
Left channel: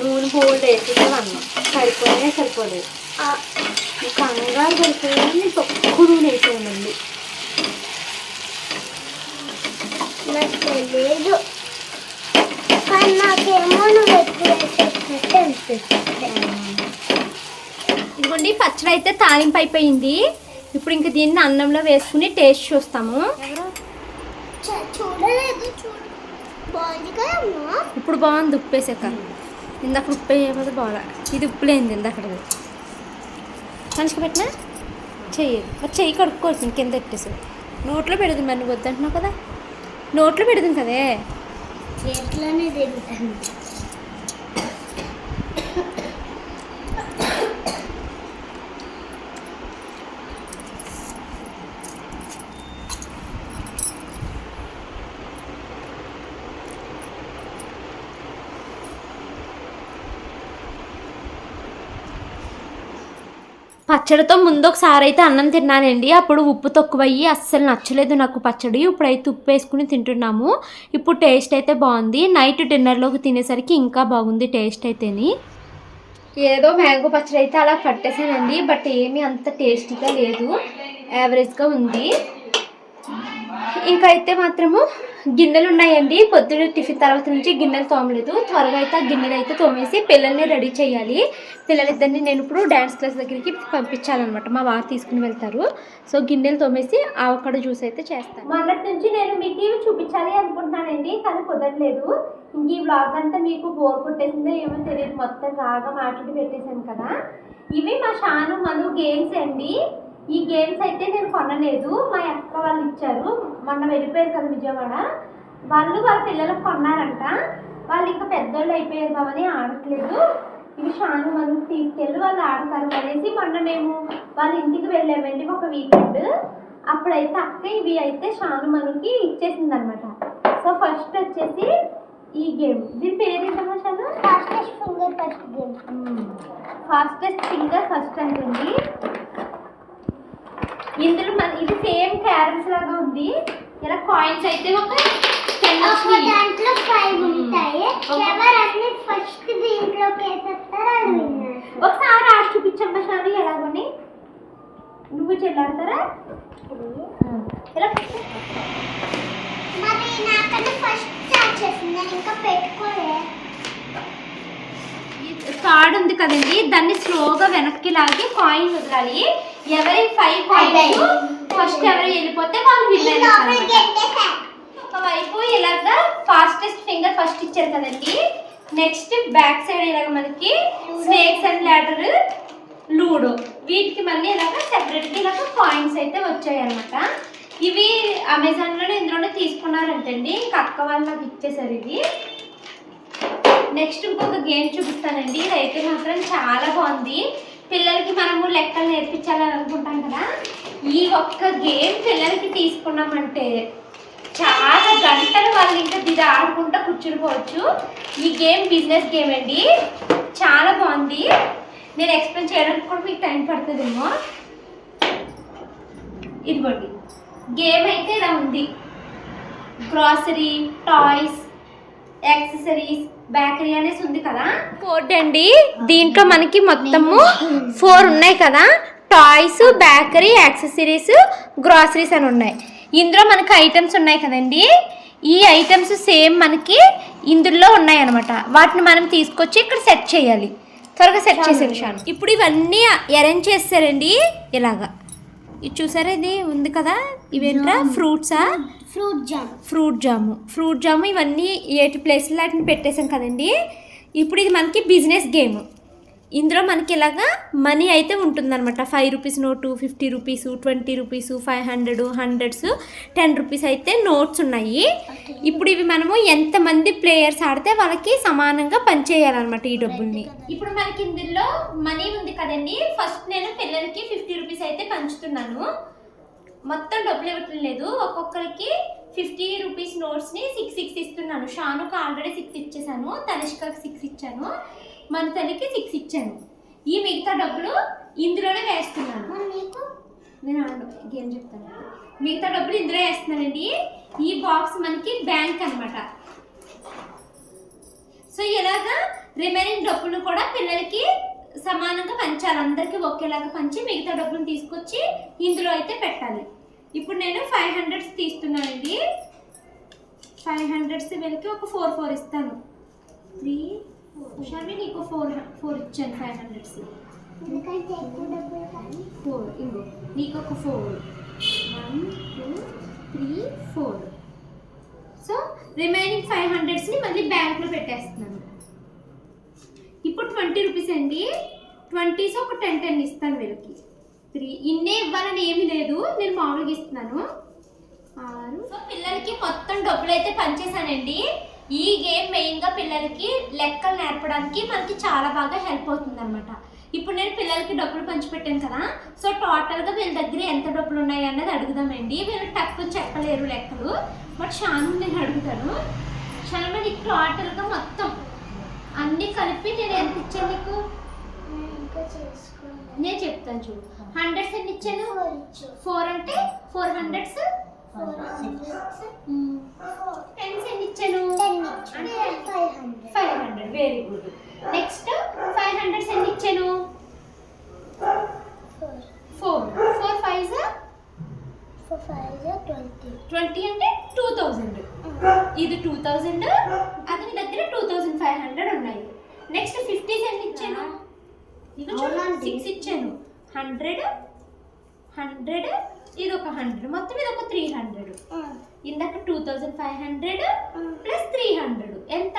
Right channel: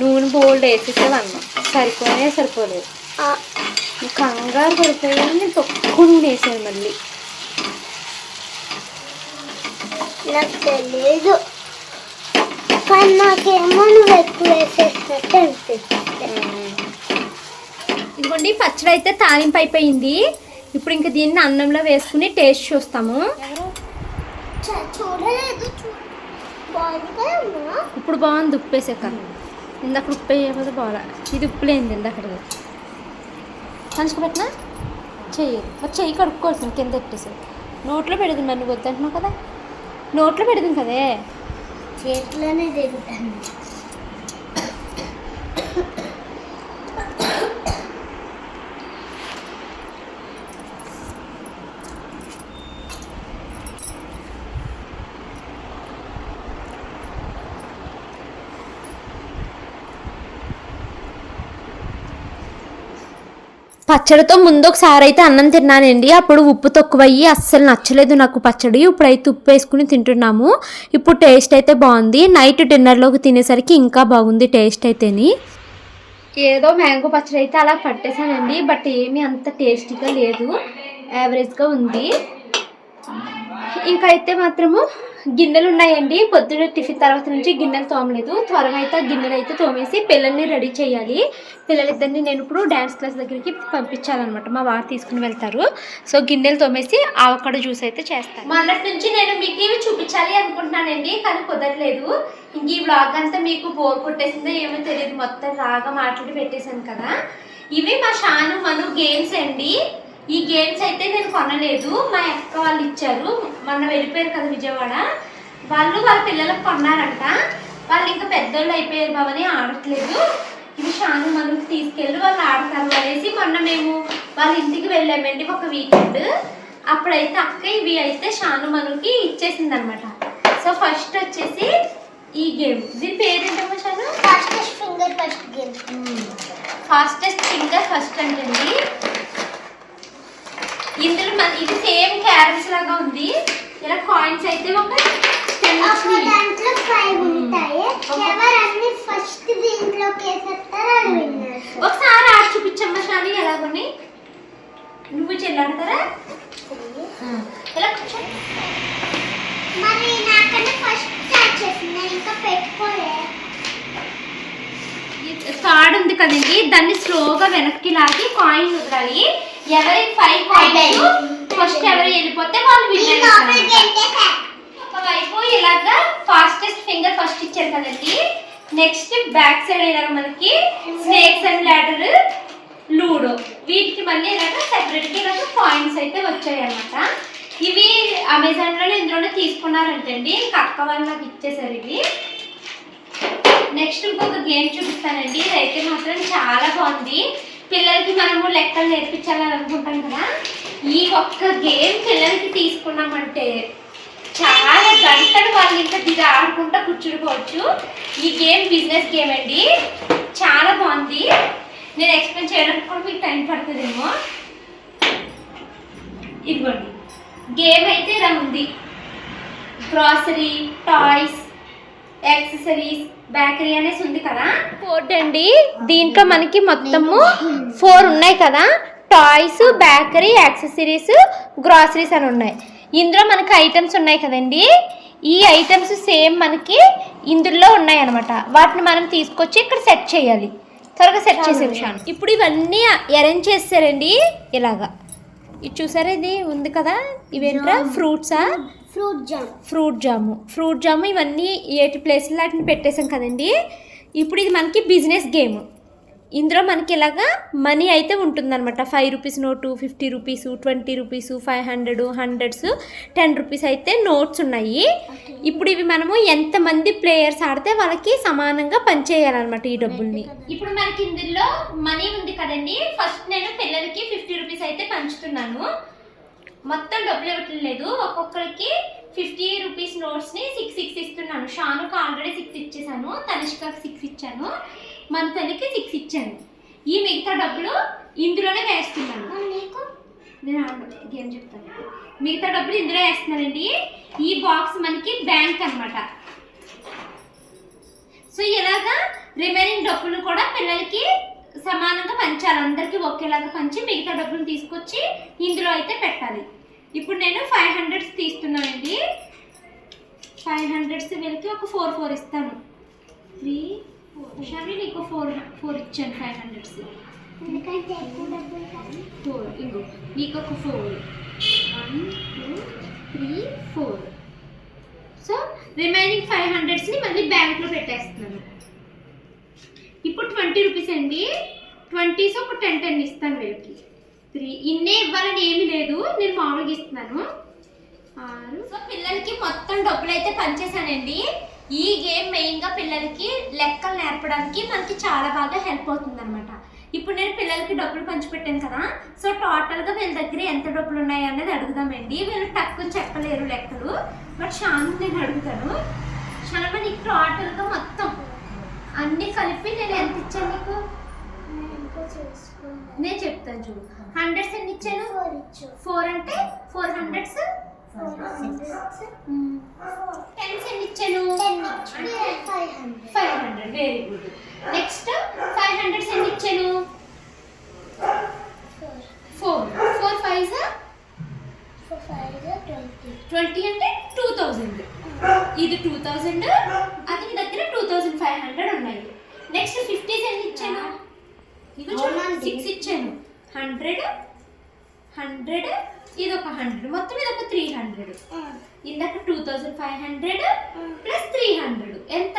నూనె బోల్డ్ వేసేసేవన్నా సరిపోలేదు. కంగారు పడిపోయింది, నేను తక్కువ నూనె వేసాను. మళ్ళీ నాకు తెలియదు, కానీ నాకేమో నువ్వు ఎక్కువ వేసేటట్టు అనిపిస్తుంది. ఇదిగోండి పచ్చడి అయితే తాలింపు అయిపోయింది. ఇప్పుడు ఇంక దీన్ని అన్నంలో వేసుకుని టేస్ట్ చూస్తాము. చూడలేదు, బాగుంది కదమ్మా. ఇప్పుడు బాగుంది ఉప్పు వేసాక. ఇందాక ఉప్పు వేయకపోతే బాగా, ఇది ఉప్పు లేనిది ఇందాకది. మంచిగా పెట్టినా చెయ్యి కడుక్కోవాల్సింది, కింద పెట్టేసి నోట్లో పెడుతుంది. మరి నువ్వు వద్దంటున్నావు కదా, నోట్లో పెడుతుంది కదే, చేతిలోనే తిరుగుతాను. పచ్చడితో ముందు ఒకసారి అయితే అన్నం తిన్నానండి. అప్పుడు ఉప్పు తక్కువయ్యి అస్సలు నచ్చలేదు నాకు పచ్చడి. ఇప్పుడైతే ఉప్పు వేసుకుని తింటున్నాము. ఇప్పుడు టేస్ట్ అయితే బాగుంది. నైట్ డిన్నర్లోకి తినేసరికి ఇంకా బాగుంది టేస్ట్ అయితేని. ఏదో మ్యాంగో పచ్చడి అయితే అలా పట్టేశానండి, బట్ ఏమీ అంత టేస్టీగా లేదు, యావరేజ్గా ఉంది. ఇంకా అయితే మాత్రము గిన్నెలు ఉన్నాయండి. పొద్దున్న టిఫిన్ తర్వాత నుంచి గిన్నెలు తోమలేదు. త్వరగా అయితే ఆ గిన్నెలు అయితే తోమేసి పిల్లల్ని రెడీ చేయాలి. పిల్లలిద్దరిని నేను ఇప్పుడు డ్యాన్స్ క్లాస్ దగ్గరికి పంపించాలన్నమాట. మా వారు తీసుకుని వెళ్తారు. సో గిన్నెలు తోమేసి ఆవకాడో జ్యూస్ అయితే చేస్తాను. మొన్నటి నుంచి నేను మీకు ఇవి చూపించాలి అనుకుంటున్నానండి, కానీ కుదరలేదు. ఇంక ఈ వ్లాగ్ అంతా మీకు బోర్ కొట్టేసిందో ఏమో తెలియదు, మొత్తం రాగా మాట్లాడి పెట్టేశాను కదా. ఇవి మా షాను మను గేమ్స్ అండి. ఈ గేమ్స్ అయితే నేను కొనలేదు, మా అక్క వాళ్ళు ఇచ్చారు. మొన్న వెళ్ళిపోయారు కదా విజయవాడ, వాళ్ళు వాళ్ళ పిల్లలకు కొన్నారంట. వాళ్ళు ఇంకా పెద్దోళ్ళు అయిపోయారు బావని ఆడట్లేదు. ఇవి షాను మనకి తీసుకెళ్ళి వాళ్ళు ఆడతారు అనేసి మొన్న మేము వాళ్ళ ఇంటికి వెళ్ళామండి ఒక వీకెండ్. అప్పుడైతే అక్క ఇవి అయితే షాను మనకి ఇచ్చేసింది అనమాట. సో ఫస్ట్ వచ్చేసి ఈ గేమ్, దీని పేరు ఏంటమ్మా Shanu? Fastest finger first game. Fastest finger first అంటండి. ఇందులో ఇది సేమ్ క్యారమ్స్ లాగా ఉంది. ఇలా కాయిన్స్ అయితే ఒక దాంట్లో 5 ఉంటాయి. ఎవరన్నీ ఫస్ట్ దీంట్లోకి వేసేస్తారో అది విన్నర్. ఒకసారి ఆడి చూపించమ్మా షాని ఎలాగని. నువ్వు చెల్లాడతారా? ఇలా కూర్చో. మరి నాకంటే ఫస్ట్ స్టార్ట్ చేసింది, నేను ఇంకా పెట్టుకోలే. థర్డ్ ఉంది కదండి, దాన్ని స్లోగా వెనక్కి లాగి కాయిన్ వదలాలి. ఎవరి 5 కాయిన్స్ ఫస్ట్ ఎవరు వెళ్ళిపోతే వాళ్ళు విన్నర్. ఒకవైపు ఇలాగా ఫాస్టెస్ట్ ఫింగర్ ఫస్ట్ ఇచ్చారు కదండి. నెక్స్ట్ బ్యాక్ సైడ్ ఇలాగ మనకి స్నేక్స్ అండ్ ల్యాడర్, లూడో, వీటికి మళ్ళీ ఇలాగ సెపరేట్గా ఇలాగ కాయిన్స్ అయితే వచ్చాయి అన్నమాట. ఇవి అమెజాన్లోనే ఇందులోనే తీసుకున్నారంటండి. ఇంకా అక్క వాళ్ళు నాకు ఇచ్చేసారు ఇవి. నెక్స్ట్ ఇంకొక గేమ్ చూపిస్తానండి. ఇదైతే మాత్రం చాలా బాగుంది. పిల్లలకి మనము లెక్కలు నేర్పించాలని అనుకుంటాం కదా, ఈ ఒక్క గేమ్ పిల్లలకి తీసుకున్నామంటే చాలా గంటలు వాళ్ళు ఇంకా దిగి ఆడుకుంటూ కూర్చునిపోవచ్చు. ఈ గేమ్ బిజినెస్ గేమ్ అండి, చాలా బాగుంది. నేను ఎక్స్ప్లెయిన్ చేయడానికి కూడా మీకు టైం పడుతుందేమో. ఇదిగోండి గేమ్ అయితే ఇలా ఉంది. గ్రాసరీ, టాయ్స్, యాక్సెసరీస్, బేకరీ అనేసి ఉంది కదా. బోర్డ్ అండి, దీంట్లో మనకి మొత్తము 4 ఉన్నాయి కదా. టాయ్స్, బేకరీ, యాక్సెసరీస్, గ్రాసరీస్ అని ఉన్నాయి. ఇందులో మనకి ఐటమ్స్ ఉన్నాయి కదండి. ఈ ఐటమ్స్ సేమ్ మనకి ఇందులో ఉన్నాయి అనమాట. వాటిని మనం తీసుకొచ్చి ఇక్కడ సెట్ చేయాలి. త్వరగా సెట్ చేసేది షాన్. ఇప్పుడు ఇవన్నీ అరేంజ్ చేస్తారండి ఇలాగా. ఇది చూసారా, ఇది ఉంది కదా, ఇవేంట్రా ఫ్రూట్సా? ఫ్రూట్ జాము ఇవన్నీ 8 ప్లేస్లో వాటిని పెట్టేసాం కదండి. ఇప్పుడు ఇది మనకి బిజినెస్ గేమ్. ఇందులో మనకి ఇలాగా మనీ అయితే ఉంటుందన్నమాట. 5 rupees note, 50 rupees, 20 rupees, 500, 100s, 10 rupees అయితే నోట్స్ ఉన్నాయి. ఇప్పుడు ఇవి మనము ఎంతమంది ప్లేయర్స్ ఆడితే వాళ్ళకి సమానంగా పనిచేయాలన్నమాట ఈ డబ్బుల్ని. ఇప్పుడు మనకి ఇందులో మనీ ఉంది కదండి. ఫస్ట్ నేను పిల్లలకి 50 రూపీస్ అయితే పంచుతున్నాను. మొత్తం డబ్బులు ఇవ్వటం లేదు, ఒక్కొక్కరికి 50 రూపీస్ నోట్స్ని 6 ఇస్తున్నాను. షానుకు ఆల్రెడీ 6 ఇచ్చేసాను, తనిష్కకి 6 ఇచ్చాను, మంతనికి 6 ఇచ్చాను. ఈ మిగతా డబ్బులు ఇందులోనే వేస్తున్నాను. నేను గేమ్ చెప్తాను. మిగతా డబ్బులు ఇందులో వేస్తున్నానండి. ఈ బాక్స్ మనకి బ్యాంక్ అన్నమాట. సో ఇలాగా రిమైనింగ్ డబ్బులు కూడా పిల్లలకి సమానంగా పంచాలి. అందరికీ ఒకేలాగా పంచి మిగతా డబ్బులు తీసుకొచ్చి ఇందులో అయితే పెట్టాలి. ఇప్పుడు నేను 500s తీస్తున్నానండి. 500s వీళ్ళకి ఒక 4 ఇస్తాను. 3, 4 షావి నీకు 4 ఇచ్చాను. 500s 4 ఇవ్వు. నీకు ఒక 4, 1, 2, 3, 4. సో రిమైనింగ్ 500స్ని మళ్ళీ బ్యాంక్లో పెట్టేస్తున్నాను. ఇప్పుడు 20 రూపీస్ అండి. 20s ఒక 10 ఇస్తాను వీళ్ళకి. 3 ఇన్నే ఇవ్వాలని ఏమీ లేదు, నేను మామూలుగా ఇస్తున్నాను. 6. సో పిల్లలకి మొత్తం డబ్బులు అయితే పనిచేసానండి. ఈ గేమ్ మెయిన్గా పిల్లలకి లెక్కలు నేర్పడానికి మనకి చాలా బాగా హెల్ప్ అవుతుంది అనమాట. ఇప్పుడు నేను పిల్లలకి డబ్బులు పంచిపెట్టాను కదా. సో టోటల్గా వీళ్ళ దగ్గర ఎంత డబ్బులు ఉన్నాయి అన్నది అడుగుదామండి. వీళ్ళు తక్కువ చెప్పలేరు లెక్కలు, బట్ షాను నేను అడుగుతాను. షాను నీకు టోటల్గా మొత్తం అన్నీ కలిపి నేను ఎంత ఇచ్చాను నీకు? నేను చెప్తాను చూడు. 100s ఎన్ని ఇచ్చాను? 4 అంటే 400s. 10s ఎన్ని ఇచ్చాను? 500. Very good. నెక్స్ట్ 500s ఎన్ని ఇచ్చాను? 4 5s 20 అంటే 2000. ఇది 2000, అది నీ దగ్గర 2500 ఉన్నాయి. నెక్స్ట్ 50s ఎన్ని ఇచ్చాను? ఇది 6 ఇచ్చాను. 100 ఇది ఒక 100, మొత్తం ఇది ఒక 300. ఇందాక 2500 ప్లస్ 300 ఎంత?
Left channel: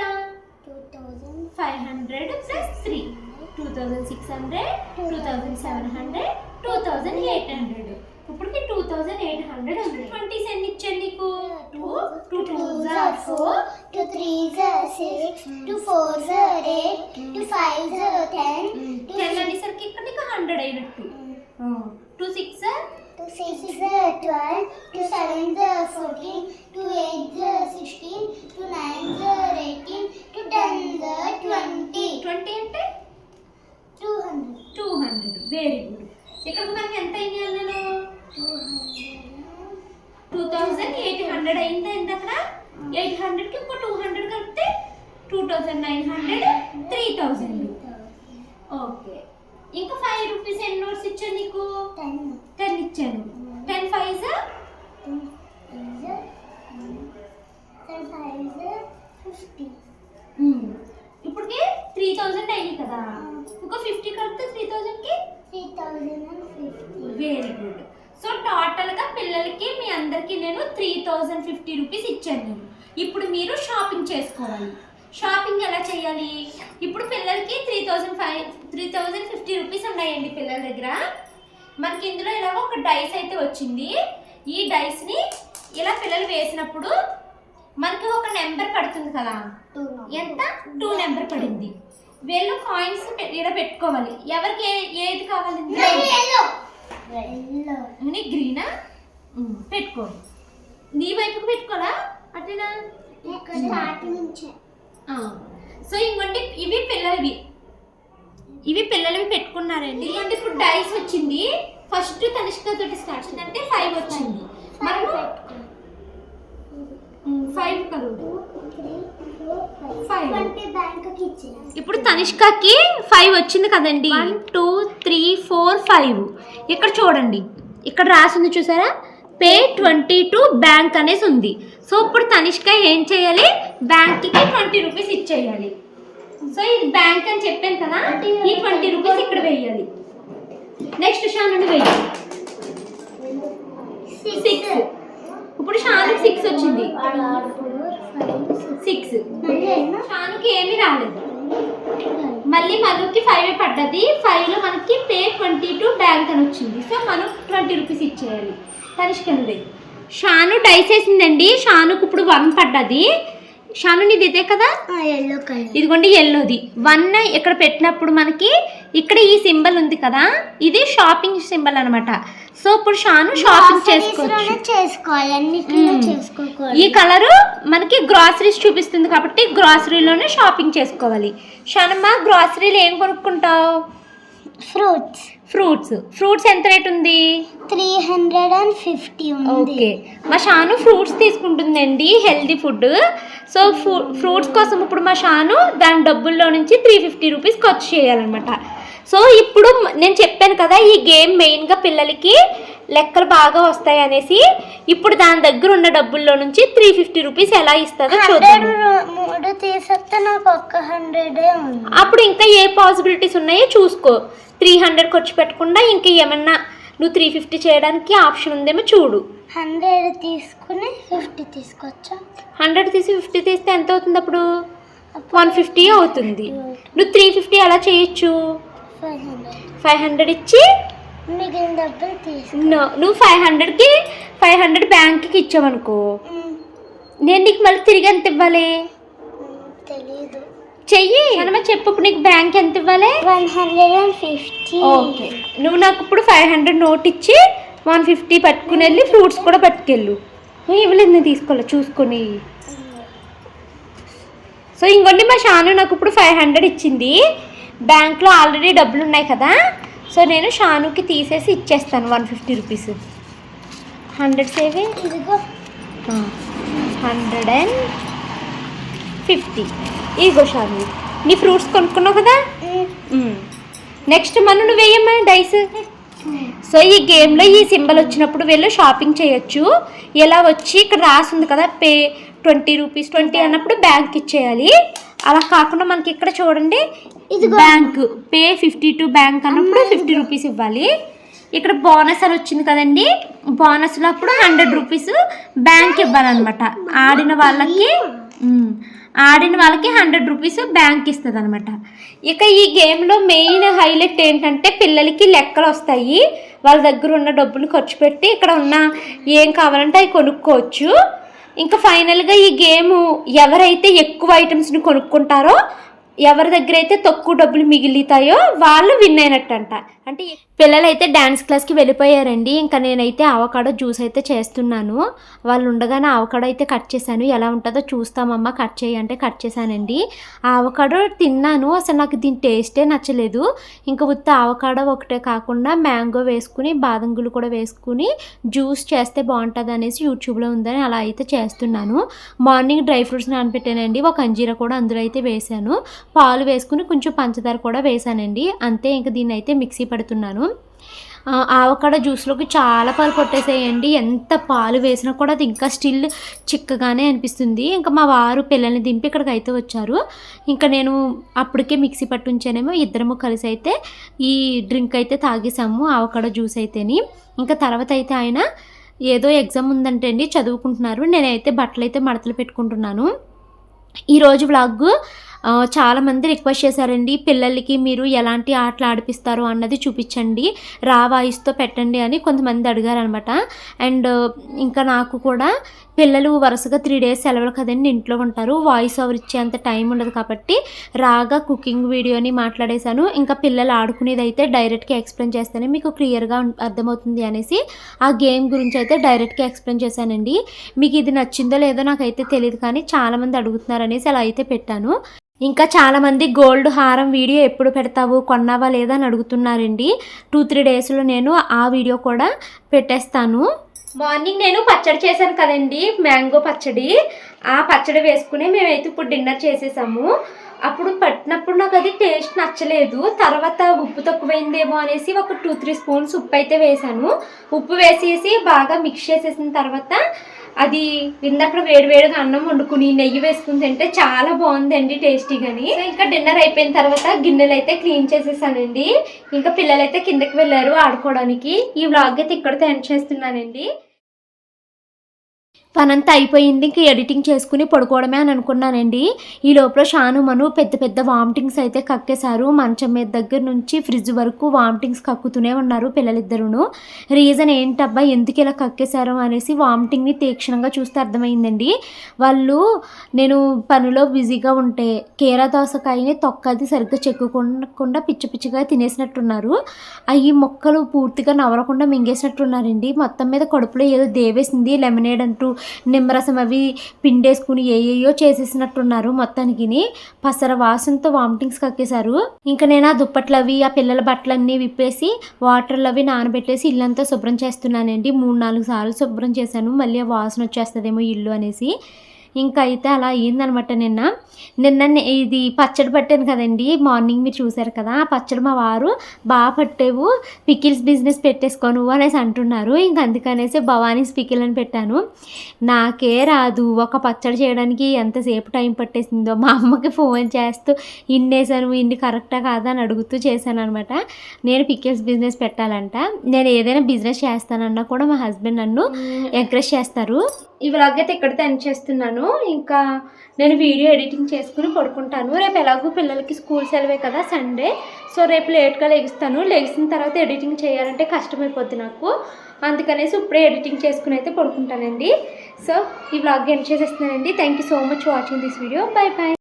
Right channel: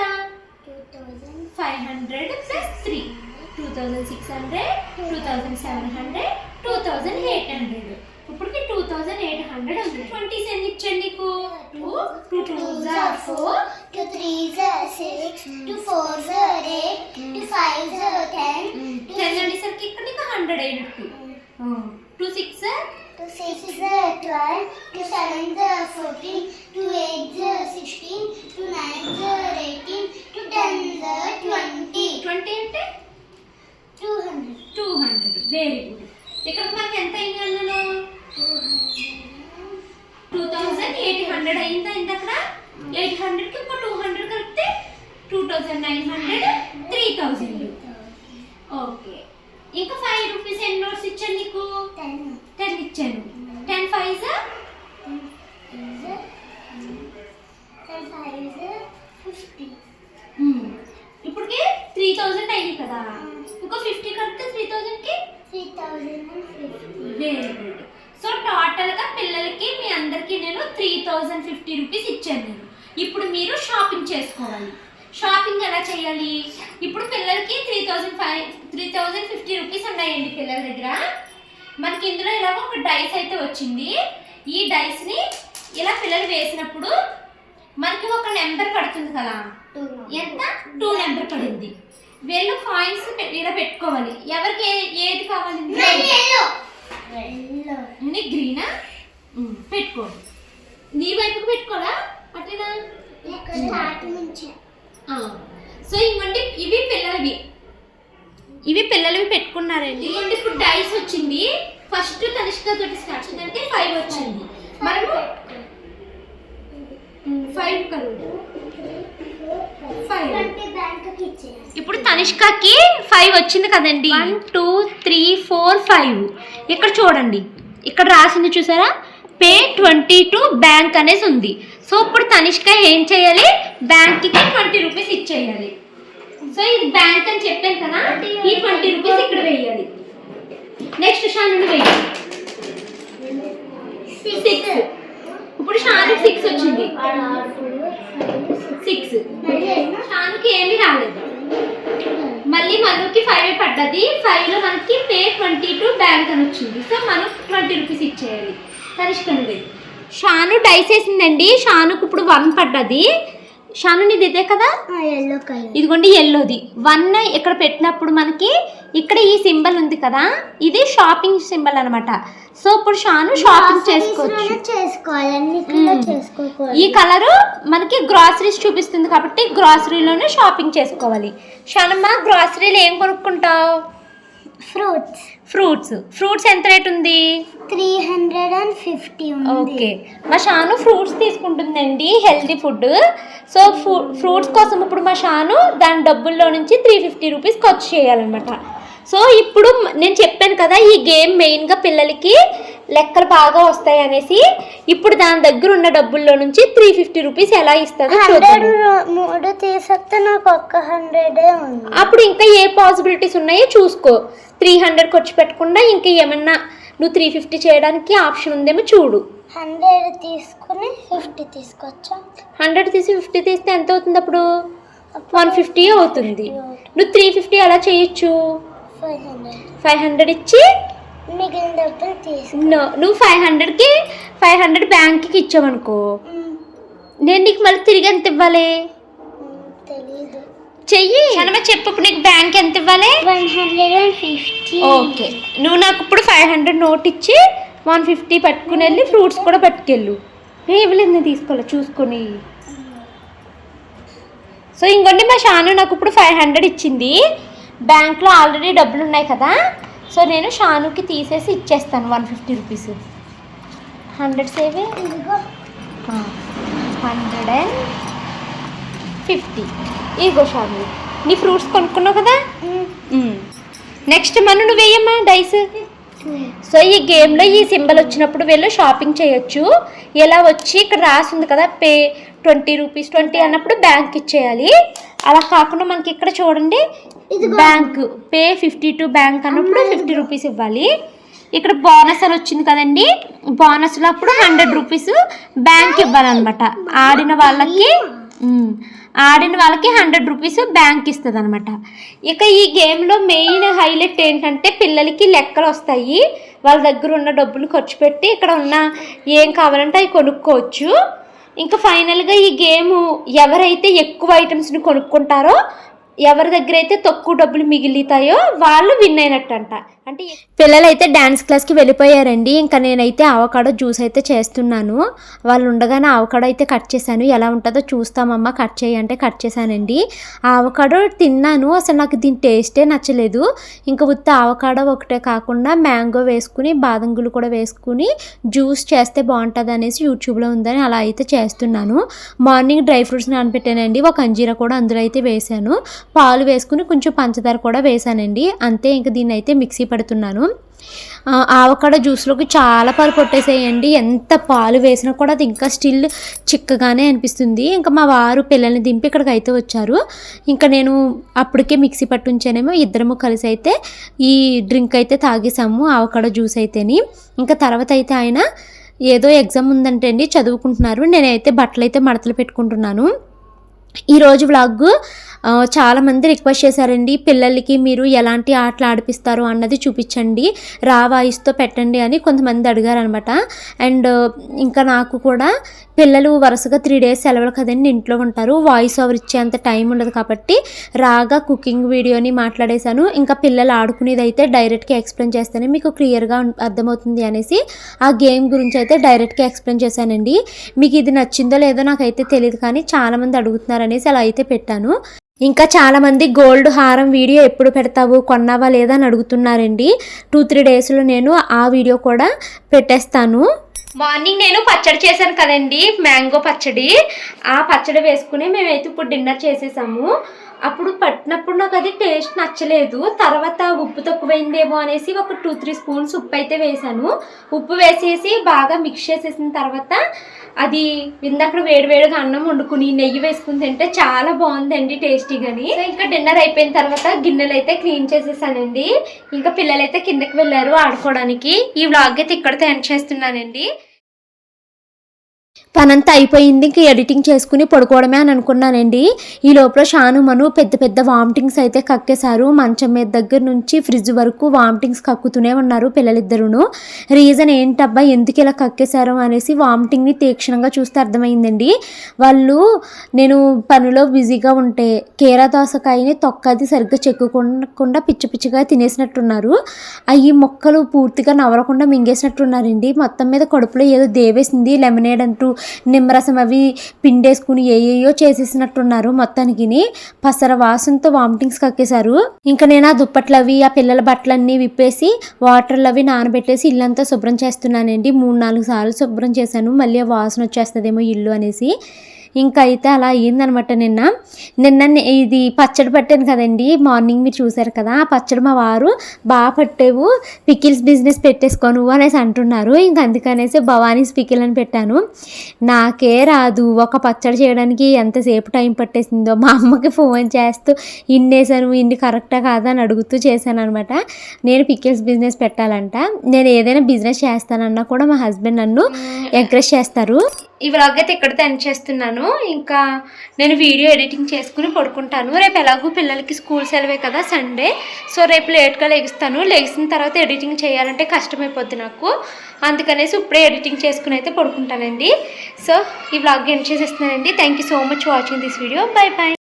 2500 ప్లస్ 3 2600, 2700, 2800. ఇప్పటికి 2800 ఉంది. 20s ఎన్ని ఇచ్చాను నీకు? 2 2s are 4, 2 3s are 6, 2 4s are 8, 2 5s are 10, 10 అనేసరికి ఇక్కడ నీకు 100 అయినట్టు. 2 6 2 6s are 12, 2 7s are 14, 2 8s are 16, 2 9s are 18, 2 10s are 20. 20 అంటే 200. Very good. ఇక్కడ మనకి ఎంత అయింది అన్నాను? 2800 అయిందా ఇంతక్కడ? 800కి ఇంకో 200 కలిపితే 2900, 3000. ఓకే. ఇంకా 5 రూపీస్ ఎన్ని నోట్స్ ఇచ్చాను నీకు? 10 ఇచ్చాను. 10 5s 50. ఇప్పటికి 3000 అయింది కదా. ఇంకో 50 కలిపితే 3000కి 3050. Very good. సో టోటల్గా పిల్లలకి మీ అందరికీ నేను 3050 రూపీస్ ఇచ్చాను నేను. ఇప్పుడు మీరు షాపింగ్ చేసుకోవాలి. షాపింగ్ ఎలా చేయాలి? ఇప్పుడు పిల్లలకి 3050 రూపీస్ ఉన్నాయండి పిల్లల దగ్గర. మనకి ఇందులో ఇలా ఒక డైస్ అయితే వచ్చింది. ఈ డైస్ని ఇలా పిల్లలు వేసినప్పుడు మనకి ఒక నెంబర్ పడుతుంది కదా. ఎంత? 2 నెంబర్ పడింది. వీళ్ళు కాయిన్స్ ఇలా పెట్టుకోవాలి. ఎవరికి ఏది కావాలి? గ్రీనా? పెట్టుకో. నీ వైపుకి పెట్టుకోరా అట్లా. సో ఇంకోటి ఇవి పిల్లలవి పెట్టుకున్నారండి. ఇంకోటి ఇప్పుడు డైస్ వచ్చింది. ఫస్ట్ తనిష్క తోటి స్టార్ట్ అంటే 5 వచ్చింది. మనము 5 కరోడ్ 5. 20 బ్యాంక్కి ఇచ్చేయాలి. ఇప్పుడు తనిష్కకి 5 వచ్చింది కదండి. 1 2 3 4 5. ఇక్కడ చూడండి, ఇక్కడ రాసింది చూసారా, పే 22 బ్యాంక్ అనేసి ఉంది. సో ఇప్పుడు తనిష్క ఏం చేయాలి, బ్యాంక్కి 20 రూపీస్ ఇచ్చేయాలి. సో ఇది బ్యాంక్ అని చెప్పాను కదా, ఈ 20 రూపీస్ ఇక్కడ వేయాలి. నెక్స్ట్ షాను వెయ్యి 6. ఇప్పుడు షానుకి 6 వచ్చింది. 6 షానుకి ఏమీ రాలేదు. మళ్ళీ మనుకి 5 పడ్డది. 5లో మనకి పే 22 బ్యాంక్ అని వచ్చింది. సో మనం 20 రూపీస్ ఇచ్చేయాలి. తనిష్కనుంది. షాను డైస్ వేసిందండి. షానుకు ఇప్పుడు 1 పడ్డది. షాను నీది ఇదే కదా, ఎల్లో కలర్. ఇదిగోండి ఎల్లోది. 1 ఇక్కడ పెట్టినప్పుడు మనకి ఇక్కడ ఈ సింబల్ ఉంది కదా, ఇది షాపింగ్ సింబల్ అనమాట. సో ఇప్పుడు షాను షాపింగ్ చేసుకోవచ్చు. ఈ కలరు మనకి గ్రాసరీస్ చూపిస్తుంది కాబట్టి గ్రాసరీలోనే షాపింగ్ చేసుకోవాలి. షానమ్మ గ్రాసరీలో ఏం కొనుక్కుంటావు? ఫ్రూట్స్ ఎంత రేట్ ఉంది? 350 ఉంది. ఓకే, మా షాను ఫ్రూట్స్ తీసుకుంటుందండి, హెల్తీ ఫుడ్. సో ఫ్రూట్స్ కోసం ఇప్పుడు మా షాను దాని డబ్బుల్లో నుంచి 350 రూపీస్ ఖర్చు చేయాలన్నమాట. సో ఇప్పుడు నేను చెప్పాను కదా, ఈ గేమ్ మెయిన్గా పిల్లలకి లెక్కలు బాగా వస్తాయి అనేసి. ఇప్పుడు దాని దగ్గర ఉన్న డబ్బుల్లో నుంచి 350 రూపీస్ ఎలా ఇస్తుందో చూద్దాం. 3 తీసేస్తే నాకు 100 ఉంది. అప్పుడు ఇంకా ఏ పాసిబిలిటీస్ ఉన్నాయో చూసుకో. 300 ఖర్చు పెట్టకుండా ఇంకా ఏమన్నా నువ్వు 350 చేయడానికి ఆప్షన్ ఉందేమో చూడు. 100 తీసుకుని 50 తీసుకొచ్చా. 100 తీసి 50 తీస్తే ఎంత అవుతుంది? అప్పుడు 150 అవుతుంది. నువ్వు 350 ఎలా చేయొచ్చు? 500 ఇచ్చి మిగిలిన డబ్బులు తీసు. నువ్వు 500కి 500 బ్యాంక్కి ఇచ్చావనుకో, నేను నీకు మళ్ళీ తిరిగి ఎంత ఇవ్వాలి? తెలీదు. చెయ్యి చెప్పు, నీకు బ్యాంక్ ఎంత ఇవ్వాలి? 150. ఓకే, నువ్వు నాకు ఇప్పుడు 500 నోట్ ఇచ్చి 150 పట్టుకుని వెళ్ళి ఫ్రూట్స్ కూడా పట్టుకెళ్ళు. ఇవ్వలేదు, నేను తీసుకోవాలి చూసుకొని. సో ఇంకోండి మా షాను నాకు ఇప్పుడు 500 ఇచ్చింది. బ్యాంక్లో ఆల్రెడీ డబ్బులు ఉన్నాయి కదా, సో నేను షానుకి తీసేసి ఇచ్చేస్తాను 150 రూపీస్. 100 సేవ్ 150. ఇగో షాను, నీ ఫ్రూట్స్ కొనుక్కున్నావు కదా. నెక్స్ట్ నువ్వు వేయమ్మా డైస్. సో ఈ గేమ్లో ఈ సింబల్ వచ్చినప్పుడు వీళ్ళు షాపింగ్ చేయొచ్చు. ఎలా వచ్చి ఇక్కడ రాసింది కదా, పే 20 రూపీస్ 20 అన్నప్పుడు బ్యాంక్ ఇచ్చేయాలి. అలా కాకుండా మనకి ఇక్కడ చూడండి, బ్యాంక్ పే 52 బ్యాంక్ అన్నప్పుడు 50 రూపీస్ ఇవ్వాలి. ఇక్కడ బోనస్ అని వచ్చింది కదండి, బోనస్లో అప్పుడు 100 రూపీస్ బ్యాంక్ ఇవ్వాలన్నమాట. ఆడిన వాళ్ళకి 100 రూపీస్ బ్యాంక్ ఇస్తుంది అనమాట. ఇక ఈ గేమ్లో మెయిన్ హైలైట్ ఏంటంటే పిల్లలకి లెక్కలు వస్తాయి. వాళ్ళ దగ్గర ఉన్న డబ్బులు ఖర్చు పెట్టి ఇక్కడ ఉన్న ఏం కావాలంటే అవి కొనుక్కోవచ్చు. ఇంకా ఫైనల్గా ఈ గేమ్ ఎవరైతే ఎక్కువ ఐటమ్స్ని కొనుక్కుంటారో, ఎవరి దగ్గర అయితే తక్కువ డబ్బులు మిగులుతాయో వాళ్ళు విన్ అయినట్టంట. అంటే పిల్లలు అయితే డ్యాన్స్ క్లాస్కి వెళ్ళిపోయారండి. ఇంకా నేనైతే అవకాడో జ్యూస్ అయితే చేస్తున్నాను. వాళ్ళు ఉండగానే అవకాడో అయితే కట్ చేశాను. ఎలా ఉంటుందో చూస్తామమ్మ, కట్ చేయంటే కట్ చేశానండి. ఆ అవకాడో తిన్నాను, అసలు నాకు దీని టేస్టే నచ్చలేదు. ఇంకా ఉత్త అవకాడో ఒకటే కాకుండా మ్యాంగో వేసుకుని బాదంగులు కూడా వేసుకుని జ్యూస్ చేస్తే బాగుంటుంది అనేసి యూట్యూబ్లో ఉందని అలా అయితే చేస్తున్నాను. మార్నింగ్ డ్రై ఫ్రూట్స్ నానబెట్టానండి, ఒక అంజీరా కూడా అందులో అయితే వేసాను. పాలు వేసుకుని కొంచెం పంచదార కూడా వేసానండి. అంతే, ఇంకా దీన్ని అయితే మిక్సీ పడుతున్నాను. ఆవకాడో జ్యూస్లోకి చాలా పాలు కొట్టేసేయండి. ఎంత పాలు వేసినా కూడా అది ఇంకా స్టిల్ చిక్కగానే అనిపిస్తుంది. ఇంకా మా వారు పిల్లల్ని దింపి ఇక్కడికి అయితే వచ్చారు. ఇంకా నేను అప్పటికే మిక్సీ పట్టుంచానేమో, ఇద్దరము కలిసి అయితే ఈ డ్రింక్ అయితే తాగేసాము, ఆవకాడో జ్యూస్ అయితేని. ఇంకా తర్వాత అయితే ఆయన ఏదో ఎగ్జామ్ ఉందంటే అండి చదువుకుంటున్నారు. నేనైతే బట్టలు అయితే మడతలు పెట్టుకుంటున్నాను. ఈరోజు వ్లాగ్ చాలామంది రిక్వెస్ట్ చేశారండి, పిల్లలకి మీరు ఎలాంటి ఆటలు ఆడిపిస్తారు అన్నది చూపించండి, రా వాయిస్తో పెట్టండి అని కొంతమంది అడిగారు అనమాట. అండ్ ఇంకా నాకు కూడా పిల్లలు వరుసగా 3 days సెలవులు కదండి, ఇంట్లో ఉంటారు, వాయిస్ ఓవర్ ఇచ్చేంత టైం ఉండదు కాబట్టి రాగా కుకింగ్ వీడియోని మాట్లాడేశాను. ఇంకా పిల్లలు ఆడుకునేది అయితే డైరెక్ట్గా ఎక్స్ప్లెయిన్ చేస్తాను, మీకు క్లియర్గా అర్థమవుతుంది అనేసి ఆ గేమ్ గురించి అయితే డైరెక్ట్గా ఎక్స్ప్లెయిన్ చేశానండి. మీకు ఇది నచ్చిందో లేదో నాకైతే తెలియదు, కానీ చాలామంది అడుగుతున్నారు అనేసి అలా అయితే పెట్టాను. ఇంకా చాలామంది గోల్డ్ హారం వీడియో ఎప్పుడు పెడతావు, కొన్నావా లేదా అని అడుగుతున్నారండి. 2-3 daysలో నేను ఆ వీడియో కూడా పెట్టేస్తాను. మార్నింగ్ నేను పచ్చడి చేశాను కదండి, మ్యాంగో పచ్చడి. ఆ పచ్చడి వేసుకుని మేమైతే ఇప్పుడు డిన్నర్ చేసేసాము. అప్పుడు పట్టినప్పుడు నాకు అది టేస్ట్ నచ్చలేదు. తర్వాత ఉప్పు తక్కువైందేమో అనేసి ఒక 2-3 స్పూన్స్ ఉప్పు అయితే వేసాను. ఉప్పు వేసేసి బాగా మిక్స్ చేసేసిన తర్వాత అది ఇందాక వేడివేడిగా అన్నం వండుకుని నెయ్యి వేసుకుని తింటే చాలా బాగుందండి టేస్టీగాని. ఇంకా డిన్నర్ అయిపోయిన తర్వాత గిన్నెలు అయితే క్లీన్ చేసేసానండి. ఇంకా పిల్లలైతే కిందకి వెళ్ళారు ఆడుకోవడానికి. ఈ వ్లాగ్ అయితే ఇక్కడితో ఎండ్ చేస్తున్నానండి. పనంతా అయిపోయింది, ఇంక ఎడిటింగ్ చేసుకుని పడుకోవడమే అని అనుకున్నానండి. ఈ లోపల షాను మను పెద్ద పెద్ద వామిటింగ్స్ అయితే కక్కేశారు. మంచం మీద దగ్గర నుంచి ఫ్రిడ్జ్ వరకు వామిటింగ్స్ కక్కుతూనే ఉన్నారు పిల్లలిద్దరును. రీజన్ ఏంటబ్బా ఎందుకు ఇలా కక్కేశారు అనేసి వామిటింగ్ని తీక్షణంగా చూస్తే అర్థమైందండి. వాళ్ళు నేను పనిలో బిజీగా ఉంటే కీరా దోసకాయని తొక్కది సరిగ్గా చెక్కుకుండా పిచ్చి పిచ్చిగా తినేసినట్టున్నారు. అవి మొక్కలు పూర్తిగా నవలకుండా మింగేసినట్టున్నారండి. మొత్తం మీద కడుపులో ఏదో దేవేసింది, లెమనేడ్ అంటూ నిమ్మరసం అవి పిండేసుకుని ఏయో చేసేసినట్టున్నారు. మొత్తానికి పసర వాసనతో వామిటింగ్స్ కక్కేశారు. ఇంకా నేను ఆ దుప్పట్లు అవి ఆ పిల్లల బట్టలన్నీ విప్పేసి వాటర్లు అవి నానబెట్టేసి ఇల్లంతా శుభ్రం చేస్తున్నానండి. 3-4 సార్లు శుభ్రం చేశాను. మళ్ళీ ఆ వాసన వచ్చేస్తుందేమో ఇల్లు అనేసి. ఇంకా అయితే అలా అయ్యిందనమాట. నిన్న ఇది పచ్చడి పట్టాను కదండి, మార్నింగ్ మీరు చూసారు కదా. ఆ పచ్చడి మా వారు బాగా పట్టేవు, పికిల్స్ బిజినెస్ పెట్టేసుకోను అనేసి అంటున్నారు. ఇంక అందుకనేసి భవానీస్ పికిల్ అని పెట్టాను. నాకే రాదు, ఒక పచ్చడి చేయడానికి ఎంతసేపు టైం పట్టేసిందో. మా అమ్మకి ఫోన్ చేస్తూ ఇన్నేసాను, ఇన్ని కరెక్టా కాదా అని అడుగుతూ చేశాను అనమాట. నేను పికిల్స్ బిజినెస్ పెట్టాలంట. నేను ఏదైనా బిజినెస్ చేస్తానన్నా కూడా మా హస్బెండ్ నన్ను ఎంకరేజ్ చేస్తారు. ఈ వ్లాగ్ అయితే ఇక్కడితో ఎండ్ చేస్తున్నాను. ఇంకా నేను వీడియో ఎడిటింగ్ చేసుకుని పడుకుంటాను. రేపు ఎలాగో పిల్లలకి స్కూల్ సెలవే కదా, సండే. సో రేపు లేట్గా లెగుస్తాను. లెగిసిన తర్వాత ఎడిటింగ్ చేయాలంటే కష్టమైపోద్ది నాకు. అందుకనేసి ఇప్పుడే ఎడిటింగ్ చేసుకుని అయితే పడుకుంటానండి. సో ఈ వ్లాగ్ ఎండ్ చేసేస్తున్నానండి. Thank you so much watching this video. Bye bye.